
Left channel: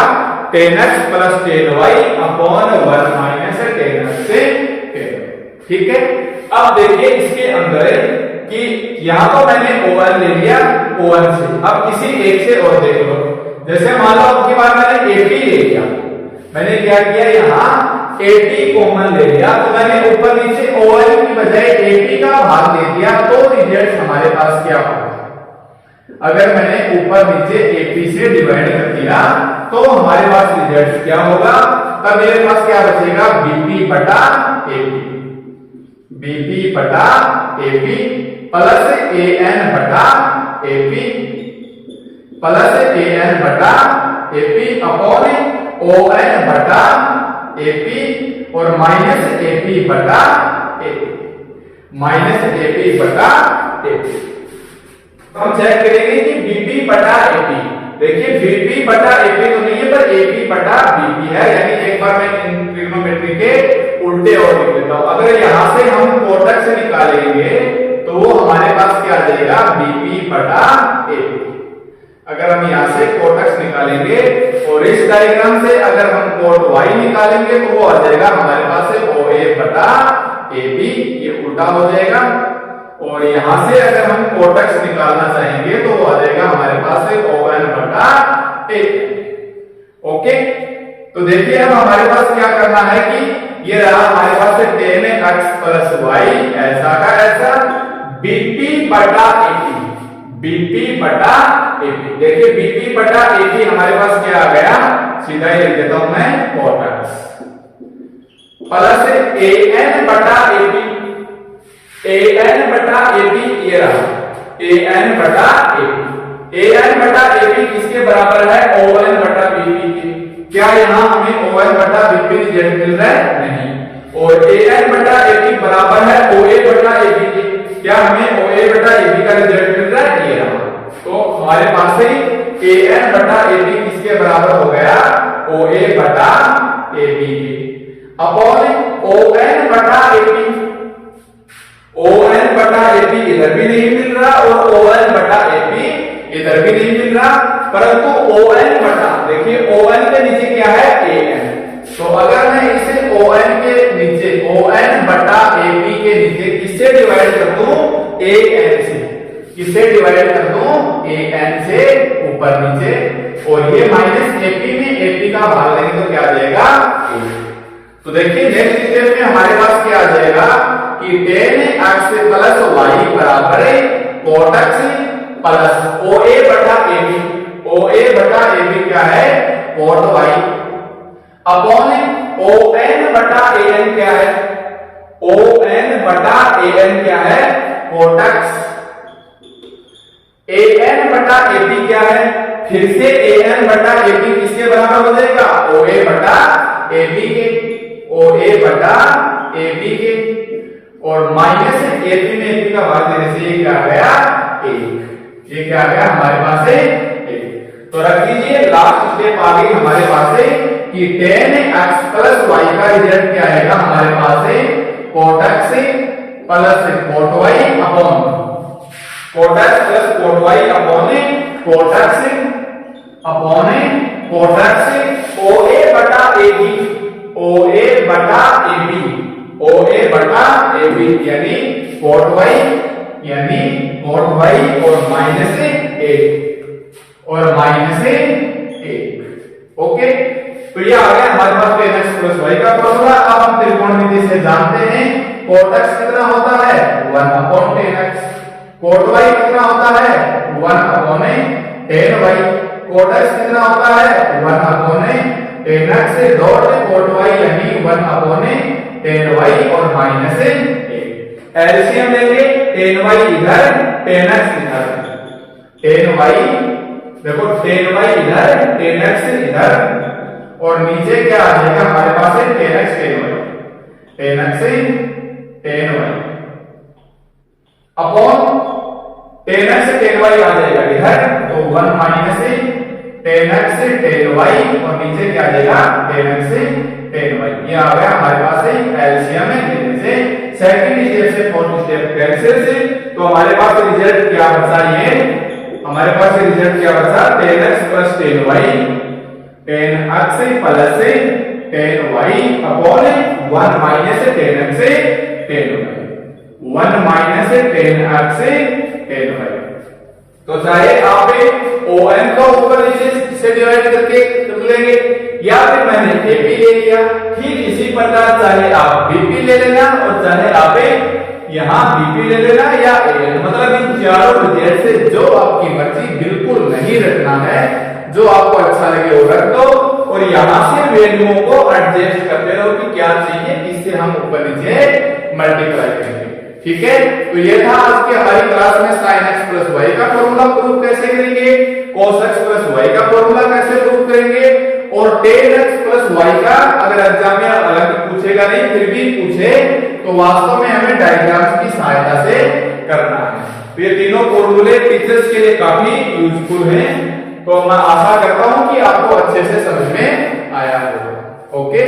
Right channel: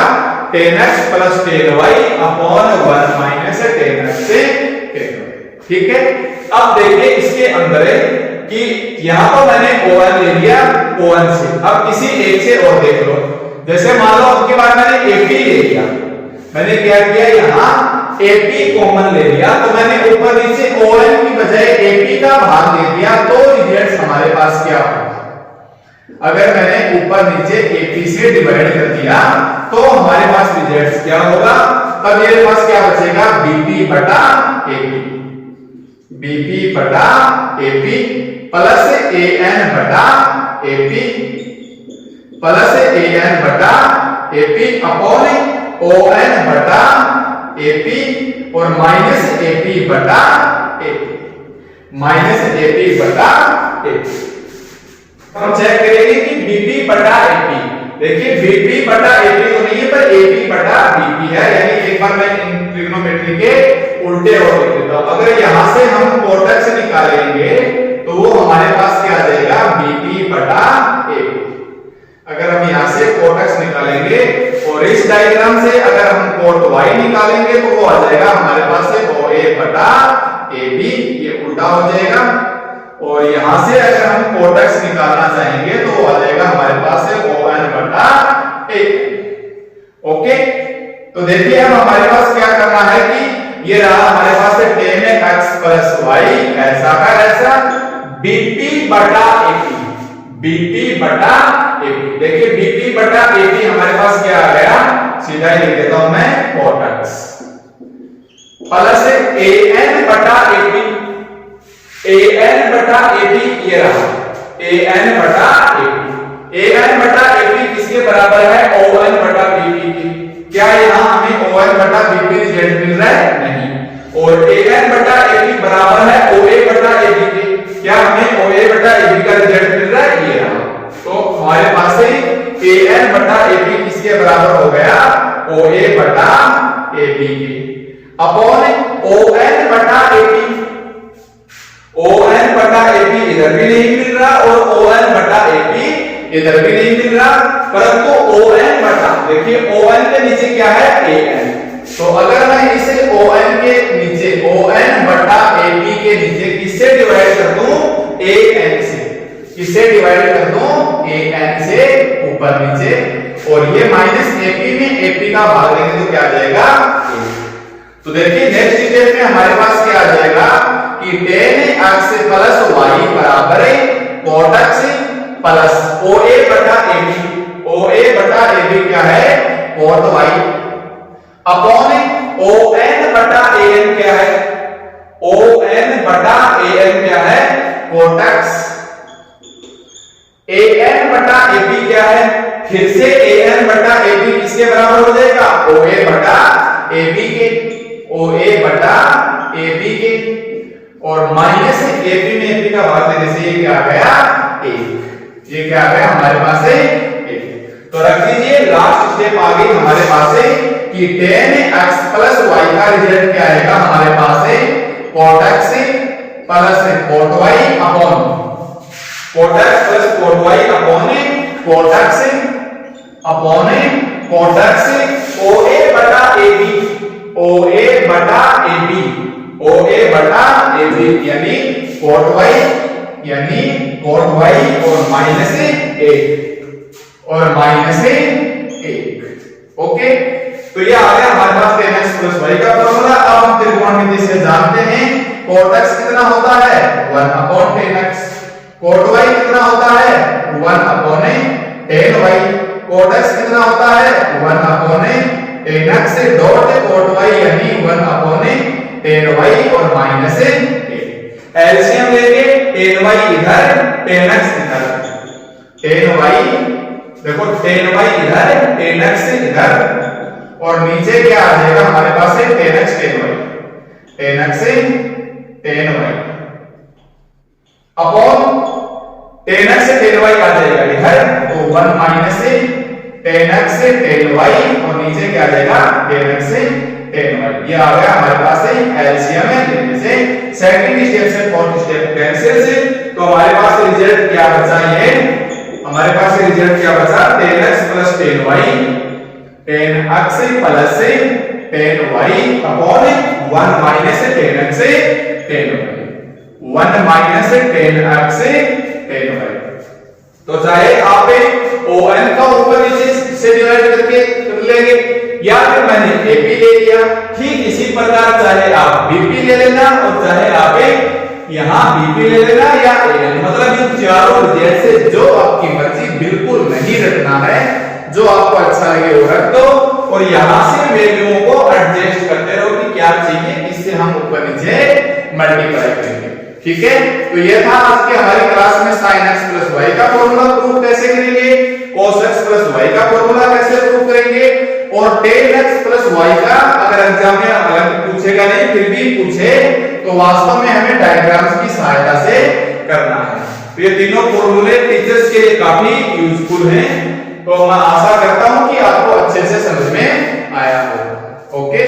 10x plus 10y upon 1 minus 10x से 10y। ठीक है। अब देखिए इसके अंदर कि यहां पर मैंने O1 ले लिया, O1 से अब किसी एक से और देख लो। जैसे मान लो उसके बाद मैंने AP ले लिया, मैंने क्या किया यहां AP कॉमन ले लिया, तो मैंने ऊपर नीचे ON की बजाय AP का भाग दे दिया। तो रिजल्ट हमारे पास क्या होगा, अगर मैंने ऊपर नीचे AP से डिवाइड कर दिया तो हमारे पास रिजल्ट क्या होगा, तब मेरे पास क्या बचेगा BP बटा AP, BP बटा AP प्लस AN बटा AP प्लस AN बटा AP अपॉन ON बटा AP और माइनस AP बटा AP, माइनस AP बटा AP। हम चेक करेंगे कि बीपी बटा एपी, देखिए बीपी बटा एपी तो नहीं है पर एपी बटा बीपी है, यानी एक बार मैं ट्रिग्नोमेट्री के उल्टे और लिख लेता हूं। अगर यहां से हम कोटक्स निकालेंगे तो वो हमारे पास क्या आ जाएगा, बीपी बटा एपी। अगर हम यहां से कोटक्स निकालेंगे और इस डायग्राम से अगर हम कोट वाई निकालेंगे तो वो आ जाएगा हमारे पास से OA बटा AB, ये उल्टा हो जाएगा। और यहां से अगर हम कोटक्स निकालना चाहेंगे तो आ जाएगा हमारे पास से ON बटा A। ओके, तो देखिए अब हमारे पास क्या करना है कि ये रहा हमारे पास से 10x प्लस y ऐसा का ऐसा BP बटा AP, BP बटा AP। देखिए BP बटा AP हमारे पास क्या आ गया, सीधा ही लिख देता हूं मैं कोटक्स प्लस AN बटा AP, AN बटा AP ये रहा। ए एन बटा एपी। ए एन बटा एपी किसके बराबर है? ओ एन बटा बीपी के। क्या यहाँ हमें ओ एन बटा बीपी रिजल्ट मिल रहा है? नहीं। और ए एन बटा एपी बराबर है ओ ए बटा एपी के। क्या हमें ओ ए बटा एपी का रिजल्ट मिल रहा है? ये रहा। तो हमारे पास से ए एन बटा एपी किसके बराबर हो गया? ओ ए बटा एपी के अपॉन ओ एन बटा एपी। ओ एन बटा एपी इधर भी नहीं मिल रहा और ओ एन बटा एपी इधर भी नहीं मिल रहा, परंतु ओ एन बटा, देखिए ओ एन के नीचे क्या है? A N. तो अगर मैं इसे ओ एन के नीचे ओ एन बटा एपी के नीचे किससे डिवाइड कर दूं? ए एन से। किससे डिवाइड कर दूं? ए एन से ऊपर नीचे, और ये माइनस एपी में एपी का भाग देंगे तो क्या जाएगा? तो देखिए नेक्स्ट स्टेप में हमारे पास क्या आ जाएगा कि tan x प्लस y बराबर है cot x प्लस OA बटा AB। OA बटा AB क्या है? cot y अपॉन ON बटा AN क्या है? ON बटा AN क्या है? cot x। AN बटा AB क्या है? फिर से AN बटा AB किसके बराबर हो जाएगा? OA बटा AB के। OA बटा AB के, और माइनस एपी में एपी का भाग देने से ये क्या आ गया? 1। ये क्या आ गया हमारे पास है? 1। तो रख दीजिए, लास्ट स्टेप आ गई हमारे पास है कि tan x प्लस y का रिजल्ट क्या आएगा हमारे पास है? cot x plus cot y upon cot x plus cot y upon cot x upon cot x OA बटा AB। OA बटा AB, OA बटा AB यानी cot y, यानी cot y और माइनस 1 और माइनस 1। ओके, तो ये आ गया हमारे पास tan x प्लस y का फॉर्मूला। अब हम त्रिकोणमिति से जानते हैं cot x कितना होता है? 1 upon tan x। cot y कितना होता है? 1 upon tan y। cot x कितना होता है? 1 upon tan x dot cot y यानी 1 अपॉन tan y और माइनस 1। एलसीएम लेंगे, tan y इधर tan x इधर, tan y देखो tan y इधर tan x इधर, और नीचे क्या आ जाएगा हमारे पास है tan x tan y, tan x tan y upon tan x tan y आ जाएगा इधर, तो 1 minus tan x tan y और नीचे क्या आ जाएगा tan x tan y। ये आ गया हमारे पास है एलसीएम में लेने से सेकंड स्टेप से फोर्थ स्टेप कैंसिल से, तो हमारे पास रिजल्ट क्या बचा? ये हमारे पास रिजल्ट क्या बचा? tan x plus tan y, tan x plus tan y upon 1 minus tan x tan y, 1 minus tan x tan y। तो चाहे आप ON का ऊपर नीचे से डिवाइड करके कर लेंगे, या फिर मैंने AP ले लिया, ठीक इसी प्रकार चाहे आप BP ले लेना और चाहे आप यहाँ BP ले लेना या AN, मतलब इन चारों रिजल्ट से जो आपकी मर्जी, बिल्कुल नहीं रखना है, जो आपको अच्छा लगे वो रख दो, और यहाँ से वैल्यूओं को एडजस्ट करते रहो कि क्या चाहिए, इससे हम ऊपर नीचे मल्टीप्लाई करेंगे। ठीक है, तो ये था आज के हमारी क्लास में sin x प्लस y का फॉर्मूला प्रूफ कैसे करेंगे, cos x प्लस y का फॉर्मूला कैसे प्रूफ करेंगे, और tan x प्लस y का अगर एग्जाम में हालांकि पूछेगा नहीं, फिर भी पूछे तो वास्तव में हमें डायग्राम्स की सहायता से करना है। तो ये तीनों फॉर्मूले टीचर्स के लिए काफी यूजफुल हैं, तो मैं आशा करता हूं कि आपको अच्छे से समझ में आया होगा। ओके।